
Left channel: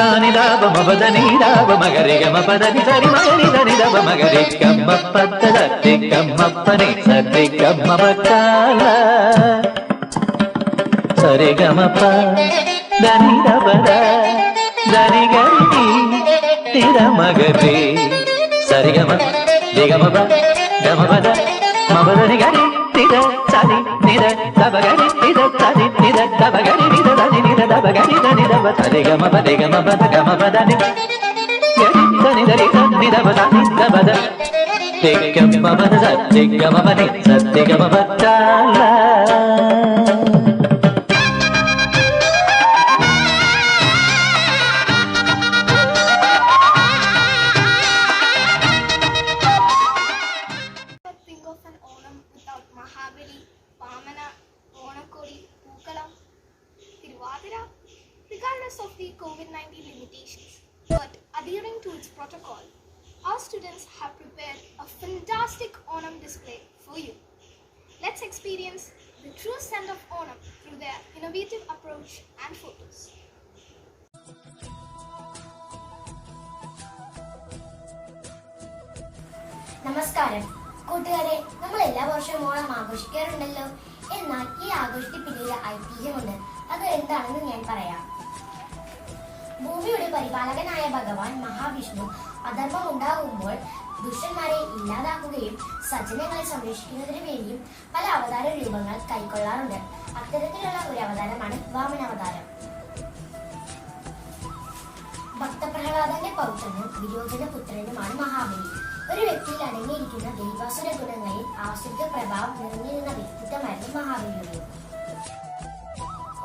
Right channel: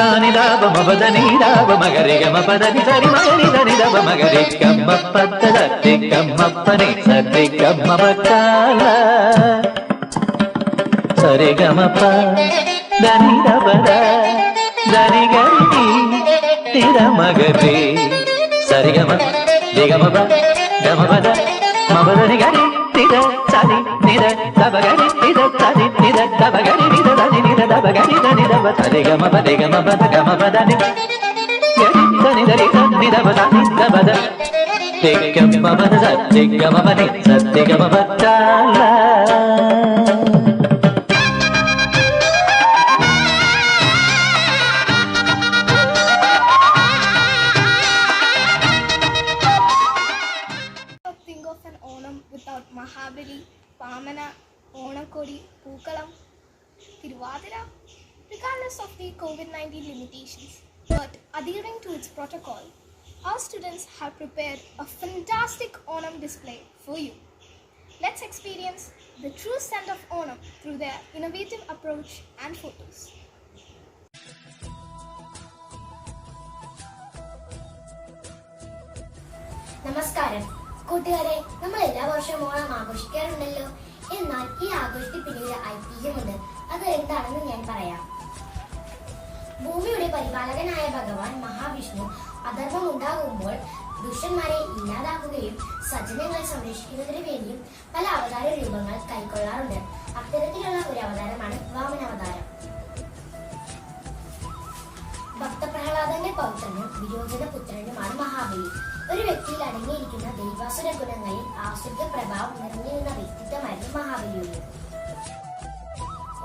സാനിദാപ മപദനീദാപ മകരി ഗമ പദനി സരി മകരി ധനിദപ മകരി ഗമ്മ പദ്ദ സരി ഗമ്മപ്പനി സരി ഗമ്മ പക്കാല സരി ഗമപ ധനിദപദ ധനി ഗരി നിര മകരി സരി ഗമ ദിഗമപ ഗമപദ മപദനി ഗരി നിര സരി നിര ദബഗരി നിര സരി നിര ദബഗരി നിര ധനി നിര ദബഗരി ധനി ദബ സരി ഗമപ ദിഗമപ ഗമപദ നി ഗരി ധനി ധരി ധനി ദബ ധനി ദബദ ദിഗമപ സരി ഗമപ നി സരി ഗമപ കാല Think of an Onam without Mahabali, Vamana, Onakodi, Pookalam, Tiruvadira, regardless of the COVID-19 limitations, but adhering to its protocol. Our students have prepared a fantastic Onam display for you. Let's experience the true scent of Onam through their innovative approach and photos. നമസ്കാരം കൂട്ടുകാരെ, നമ്മൾ എല്ലാ വർഷവും ഓണം ആഘോഷിക്കാറുണ്ടല്ലോ. എന്നാൽ ഈ ആഘോഷത്തിന് പിന്നിലെ ഐതിഹ്യമുണ്ട്. അത് എന്താണെന്ന് ഞാൻ പറയാം. ഭൂമിയുടെ പരിപാലകനായ ഭഗവാൻ മഹാവിഷ്ണു അധർമ്മം ഉണ്ടാകുമ്പോൾ ദുഷ്ടന്മാരെ ഇല്ലാതാക്കുകയും സജ്ജനങ്ങളെ സംരക്ഷിക്കുന്നതിന് വേണ്ടിയും പല അവതാര രൂപങ്ങൾ കൈക്കൊള്ളാറുണ്ട്. അത്തരത്തിലുള്ള ഒരു അവതാരമാണ് വാമനാവതാരം. ഭക്തപ്രഹ്ലാദന്റെ പൗത്രനും വിരോചന പുത്രനുമാണ് മഹാബലി. ഒരു വ്യക്തിയിൽ അടങ്ങിയിരിക്കുന്ന ദൈവാസുര ഗുണങ്ങളിൽ ആസുര പ്രഭാവം നിറഞ്ഞിരുന്ന വ്യക്തിത്വമായിരുന്നു മഹാബലിയുടെ.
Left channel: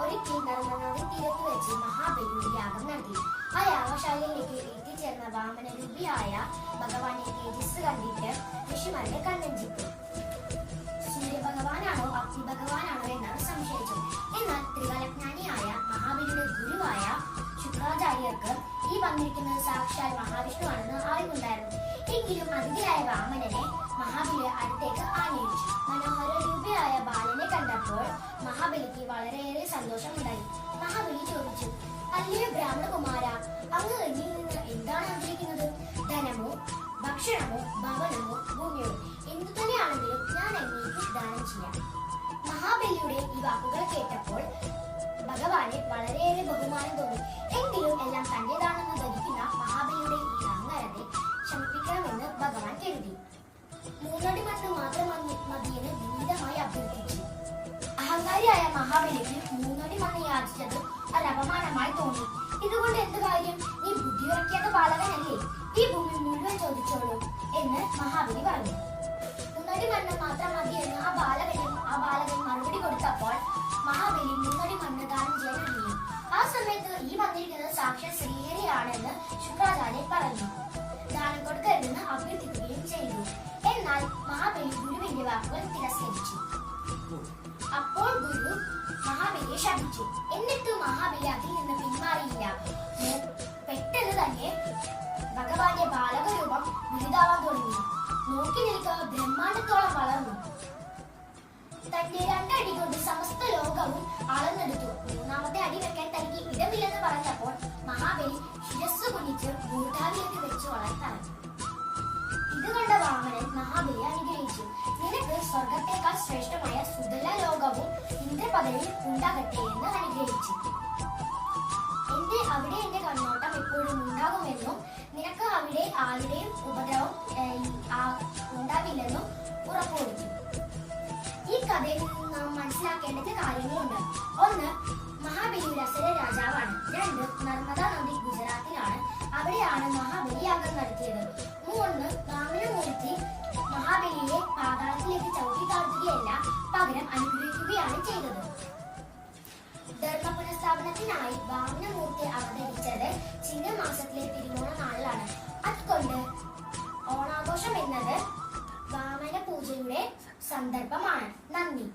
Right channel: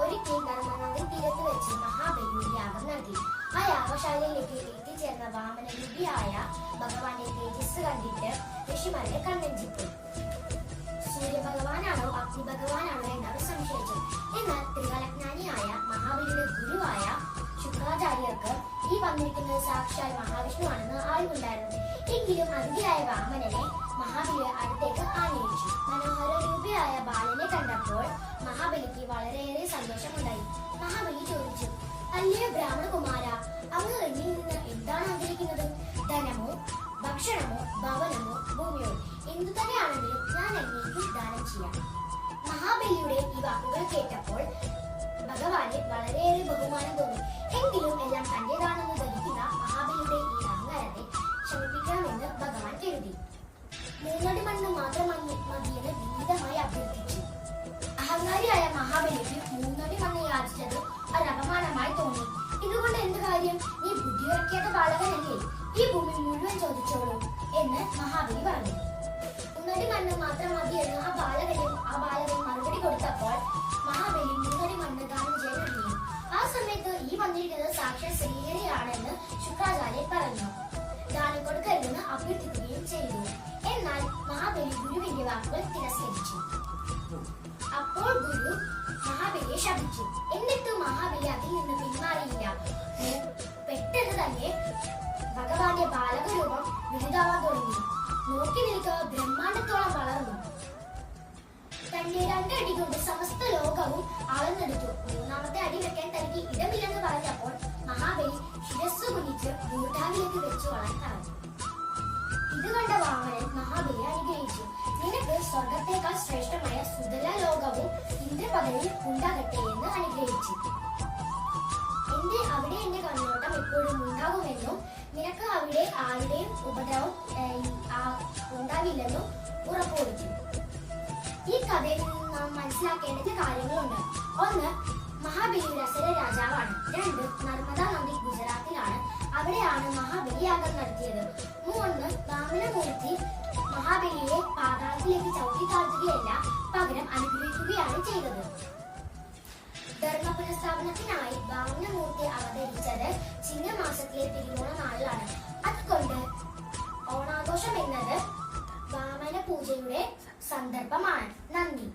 ഒരിക്കൽ നർമ്മദാ തീരത്ത് വെച്ച് മഹാബലി യാഗം നടത്തി. ആ യാഗശാലയിലേക്ക് എത്തിച്ചേർന്ന വാമനരൂപിയായ ഭഗവാന്റെ തേജസ് കണ്ടിട്ട് ഋഷിമാരുടെ കണ്ണഞ്ചിട്ടു. സൂര്യഭഗവാനാണോ അഗ്നി ഭഗവാനാണോ എന്നവർ സംശയിച്ചു. എന്നാൽ ത്രികാലജ്ഞാനിയായ മഹാബലിയുടെ ഗുരുവായ ശുക്രാചാര്യർക്ക് ഈ വന്നിരിക്കുന്നത് സാക്ഷാൽ മഹാവിഷ്ണുവാണെന്ന് അറിവുണ്ടായിരുന്നു. എങ്കിലും അതിഥിയായ വാമനനെ മഹാബലിയെ അടുത്തേക്ക് ആനയിച്ചു. മനോഹര രൂപിയായ ബാലനെ കണ്ടപ്പോൾ മഹാബലിക്ക് വളരെയേറെ സന്തോഷമുണ്ടായി. മഹാബലി ചോദിച്ചു, അല്ലയോ ബ്രാഹ്മണകുമാര, അങ്ങ് എന്നിൽ നിന്ന് എന്താണ് ആഗ്രഹിക്കുന്നത്? ധനമോ ഭക്ഷണമോ ഭവനമോ ഭൂമിയോ എന്തു തന്നെയാണെങ്കിലും ഞാൻ അങ്ങേക്ക് ദാനം ചെയ്യാം. മഹാബലിയുടെ ഈ വാക്കുകൾ കേട്ടപ്പോൾ ഭഗവാന് വളരെയേറെ ബഹുമാനം തോന്നി. എങ്കിലും എല്ലാം തന്റേതാണെന്ന് ധരിക്കുന്ന മഹാബലിയുടെ ഈ അഹങ്കാരത്തെ ശമിപ്പിക്കണമെന്ന് ഭഗവാൻ കരുതി. 3 അടി മണ്ണ് മാത്രം മതിയെന്ന് വിനീതമായി അഭ്യർത്ഥിച്ചു. അഹങ്കാരിയായ മഹാബലിക്ക് 3 അടി മണ്ണ് യാചിച്ചത് ഒരു അപമാനമായി തോന്നി. ഇതുകൊണ്ട് എന്ത് കാര്യം? നീ ബുദ്ധിയുറക്കിയത് ബാലകനല്ലേ, ഈ ഭൂമി മുഴുവൻ ചോദിച്ചോളൂ എന്ന് മഹാബലി പറഞ്ഞു. 3 അടി മണ്ണ് മാത്രം മതിയെന്ന് ആ ബാലകൻ മറുപടി കൊടുത്തപ്പോൾ മഹാബലി 3 അടി മണ്ണ് ദാനം ചെയ്യാൻ ഒരുങ്ങി. ആ സമയത്ത് ഈ വന്നിരിക്കുന്നത് സാക്ഷാൽ ശ്രീഹരിയാണെന്ന് ശുക്രാചാര്യൻ പറഞ്ഞു. ദാനം കൊടുക്കരുതെന്ന് അഭ്യർത്ഥിക്കുകയും ചെയ്തു. എന്നാൽ മഹാബലി ഗുരുവിന്റെ വാക്കുകൾ തിരസ്കരിച്ചു. അപ്പോൾ ഗുരു മഹാബലിയെ ശപിച്ചു. എന്നിട്ടും മഹാബലി അതിൽ നിന്ന് പിന്മാറിയില്ല. പെട്ടെന്ന് തന്നെ ഭഗവാന്റെ ബാലകരൂപം വലുതാവാൻ തുടങ്ങി. നോക്കി നിൽക്കുക ബ്രഹ്മാണ്ടത്തോളം വളർന്നു. തന്റെ 2 അടി കൊണ്ട് സമസ്ത ലോകവും അളന്നെടുത്തു. 3ാമത്തെ അടി വെക്കാൻ തനിക്ക് ഇടമില്ലെന്ന് പറഞ്ഞപ്പോൾ മഹാബലി ശിരസ്സു കുനിച്ച് ഭൂട്ടാനിലേക്ക് വെച്ച് വളർത്താൻ. ഇത് കണ്ട വാമനൻ മഹാബലിയെ അനുഗ്രഹിച്ചു. നിനക്ക് സ്വർഗത്തേക്കാൾ ശ്രേഷ്ഠമായ സുതല ലോകവും ഇന്ദ്രപദവിയിൽ ഉണ്ടാകട്ടെ എന്ന് അനുഗ്രഹിച്ചു. അവിടെ എന്റെ കണ്ണോട്ടം എപ്പോഴും ഉണ്ടാകുമെന്നും നിനക്ക് അവിടെ ആരുടെയും ഉപദ്രവം ഉണ്ടാവില്ലെന്നും ഉറപ്പുവരുത്തി. ഈ കഥയിൽ നിന്ന് നാം മനസ്സിലാക്കേണ്ട കാര്യങ്ങളുണ്ട്. 1. മഹാബലി അസുര രാജാവാണ്. 2. നർമ്മദാ നദി ഗുജറാത്തിലാണ്. അവിടെയാണ് മഹാബലി യാഗം നടത്തിയത്. 3. വാമനമൂർത്തി മഹാബലിയെ പാതാളത്തിലേക്ക് ചവിട്ടി താഴ്ത്തുകയല്ല, പകരം അനുഗ്രഹിക്കുകയാണ് ചെയ്തത്. ധർമ്മ പുനഃസ്ഥാപനത്തിനായി വാമനമൂർത്തി അവതരിച്ചത് ചിങ്ങമാസത്തിലെ തിരുവോണ നാളിലാണ്. അതുകൊണ്ട് ഓണാഘോഷം എന്നത് വാമന പൂജയുടെ സന്ദർഭമാണ്. നന്ദി.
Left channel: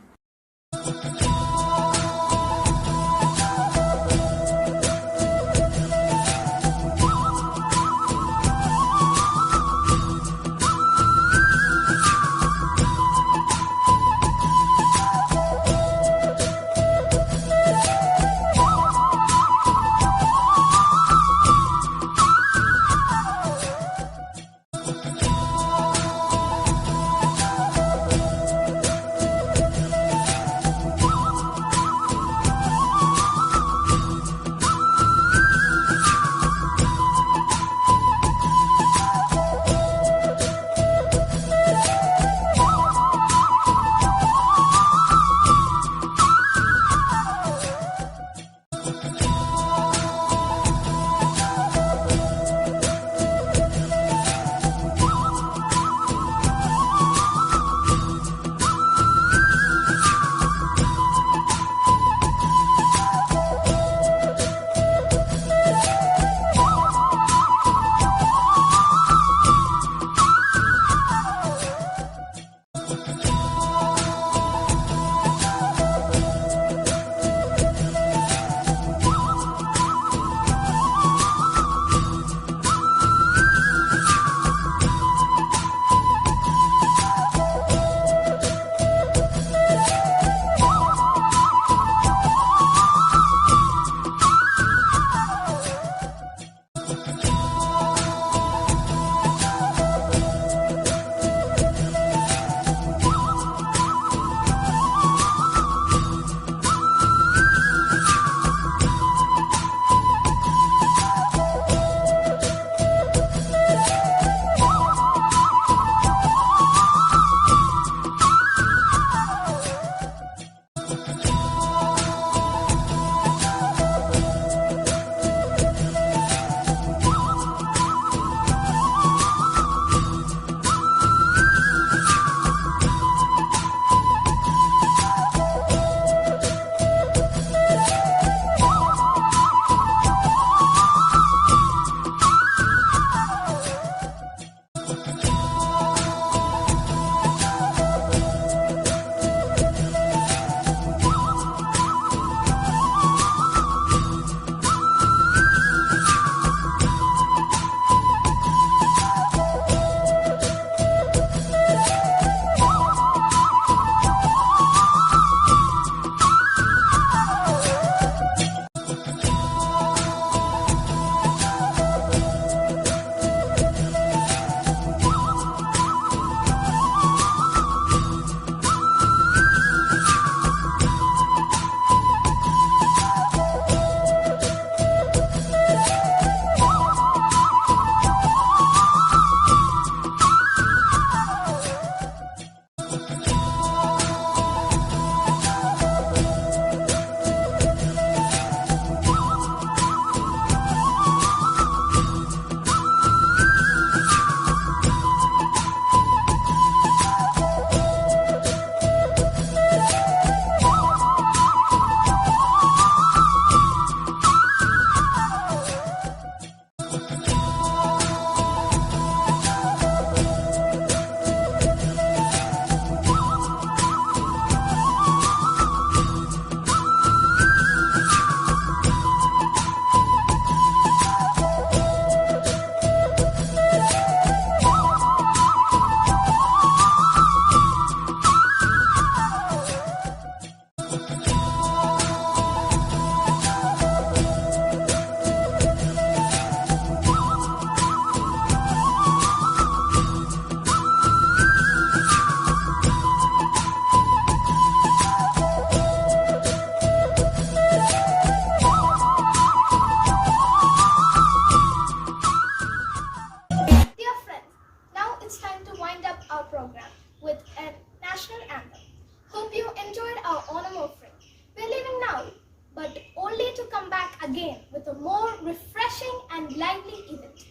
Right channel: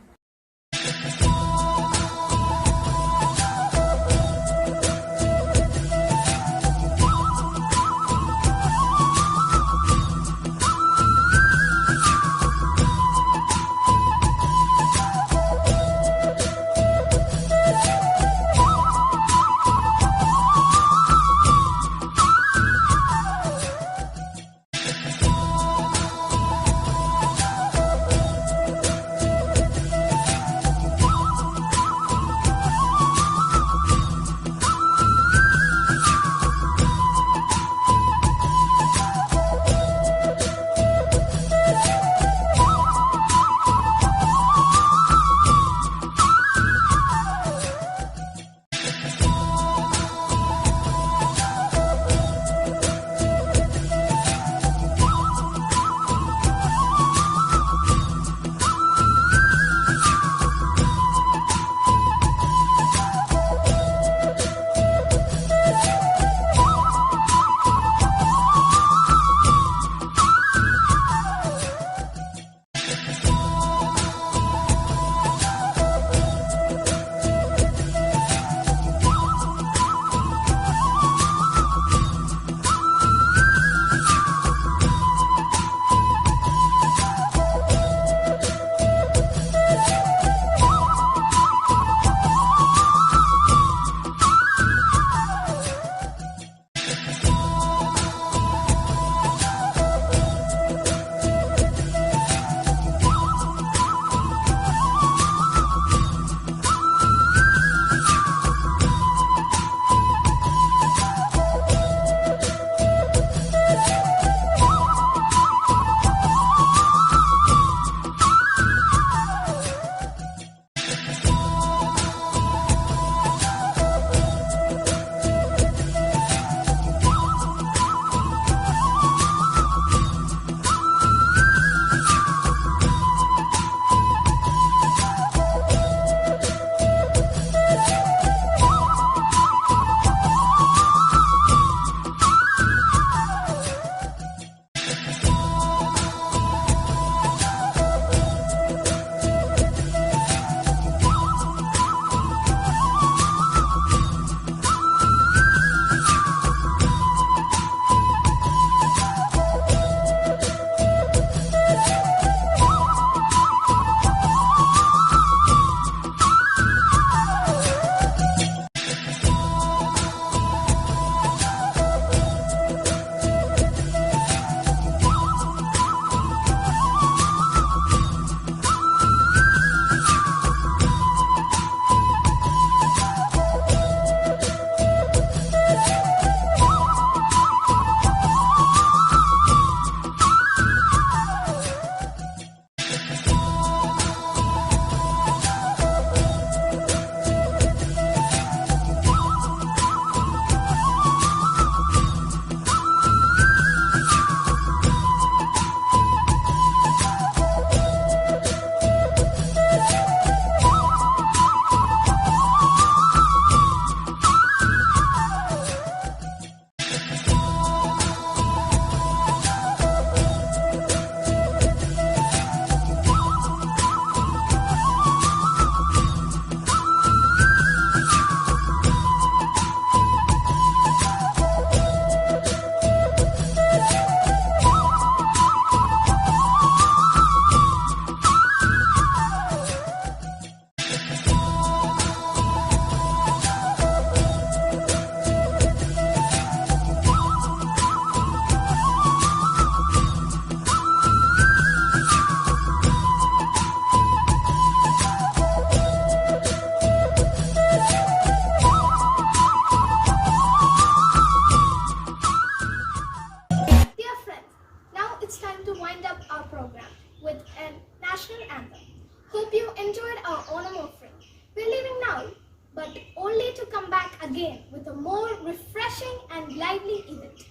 again with a more refreshing and lively event.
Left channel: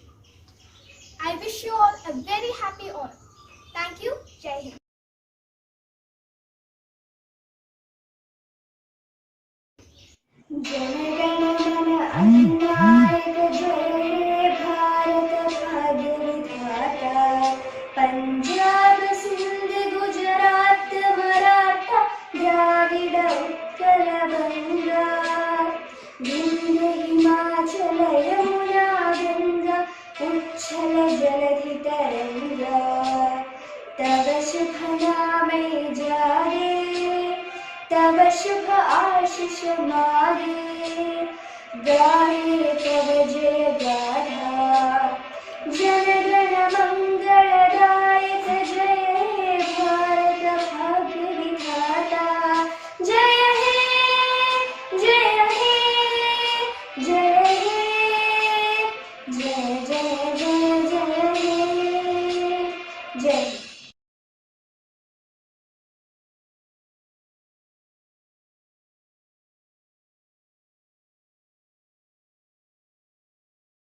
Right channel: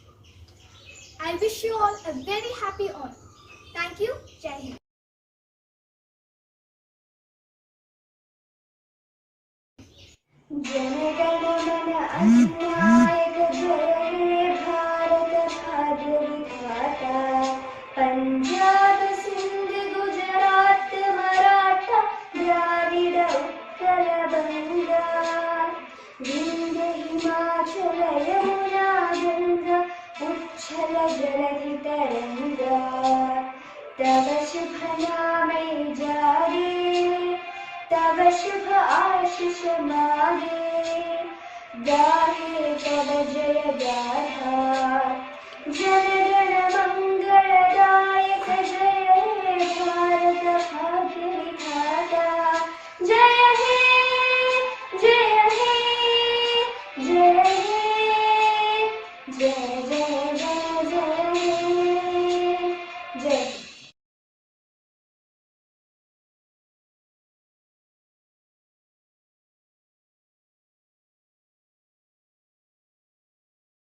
I wish you all a very happy Onam. Thank you. Jai Hind. जनगण मन अधिनायक जय हे भारत भाग्य विधाता पंजाब सिंध गुजरात मराठा द्राविड उत्कल बंगा विंध्य हिमाचल यमुना गंगा उच्छल जलधि तरंगा तव शुभ नामे जागे तव शुभ आशीष मागे गाहे तव जय गाथा जनगण मंगलदायक जय हे भारत भाग्य विधाता जय हे जय हे जय हे जय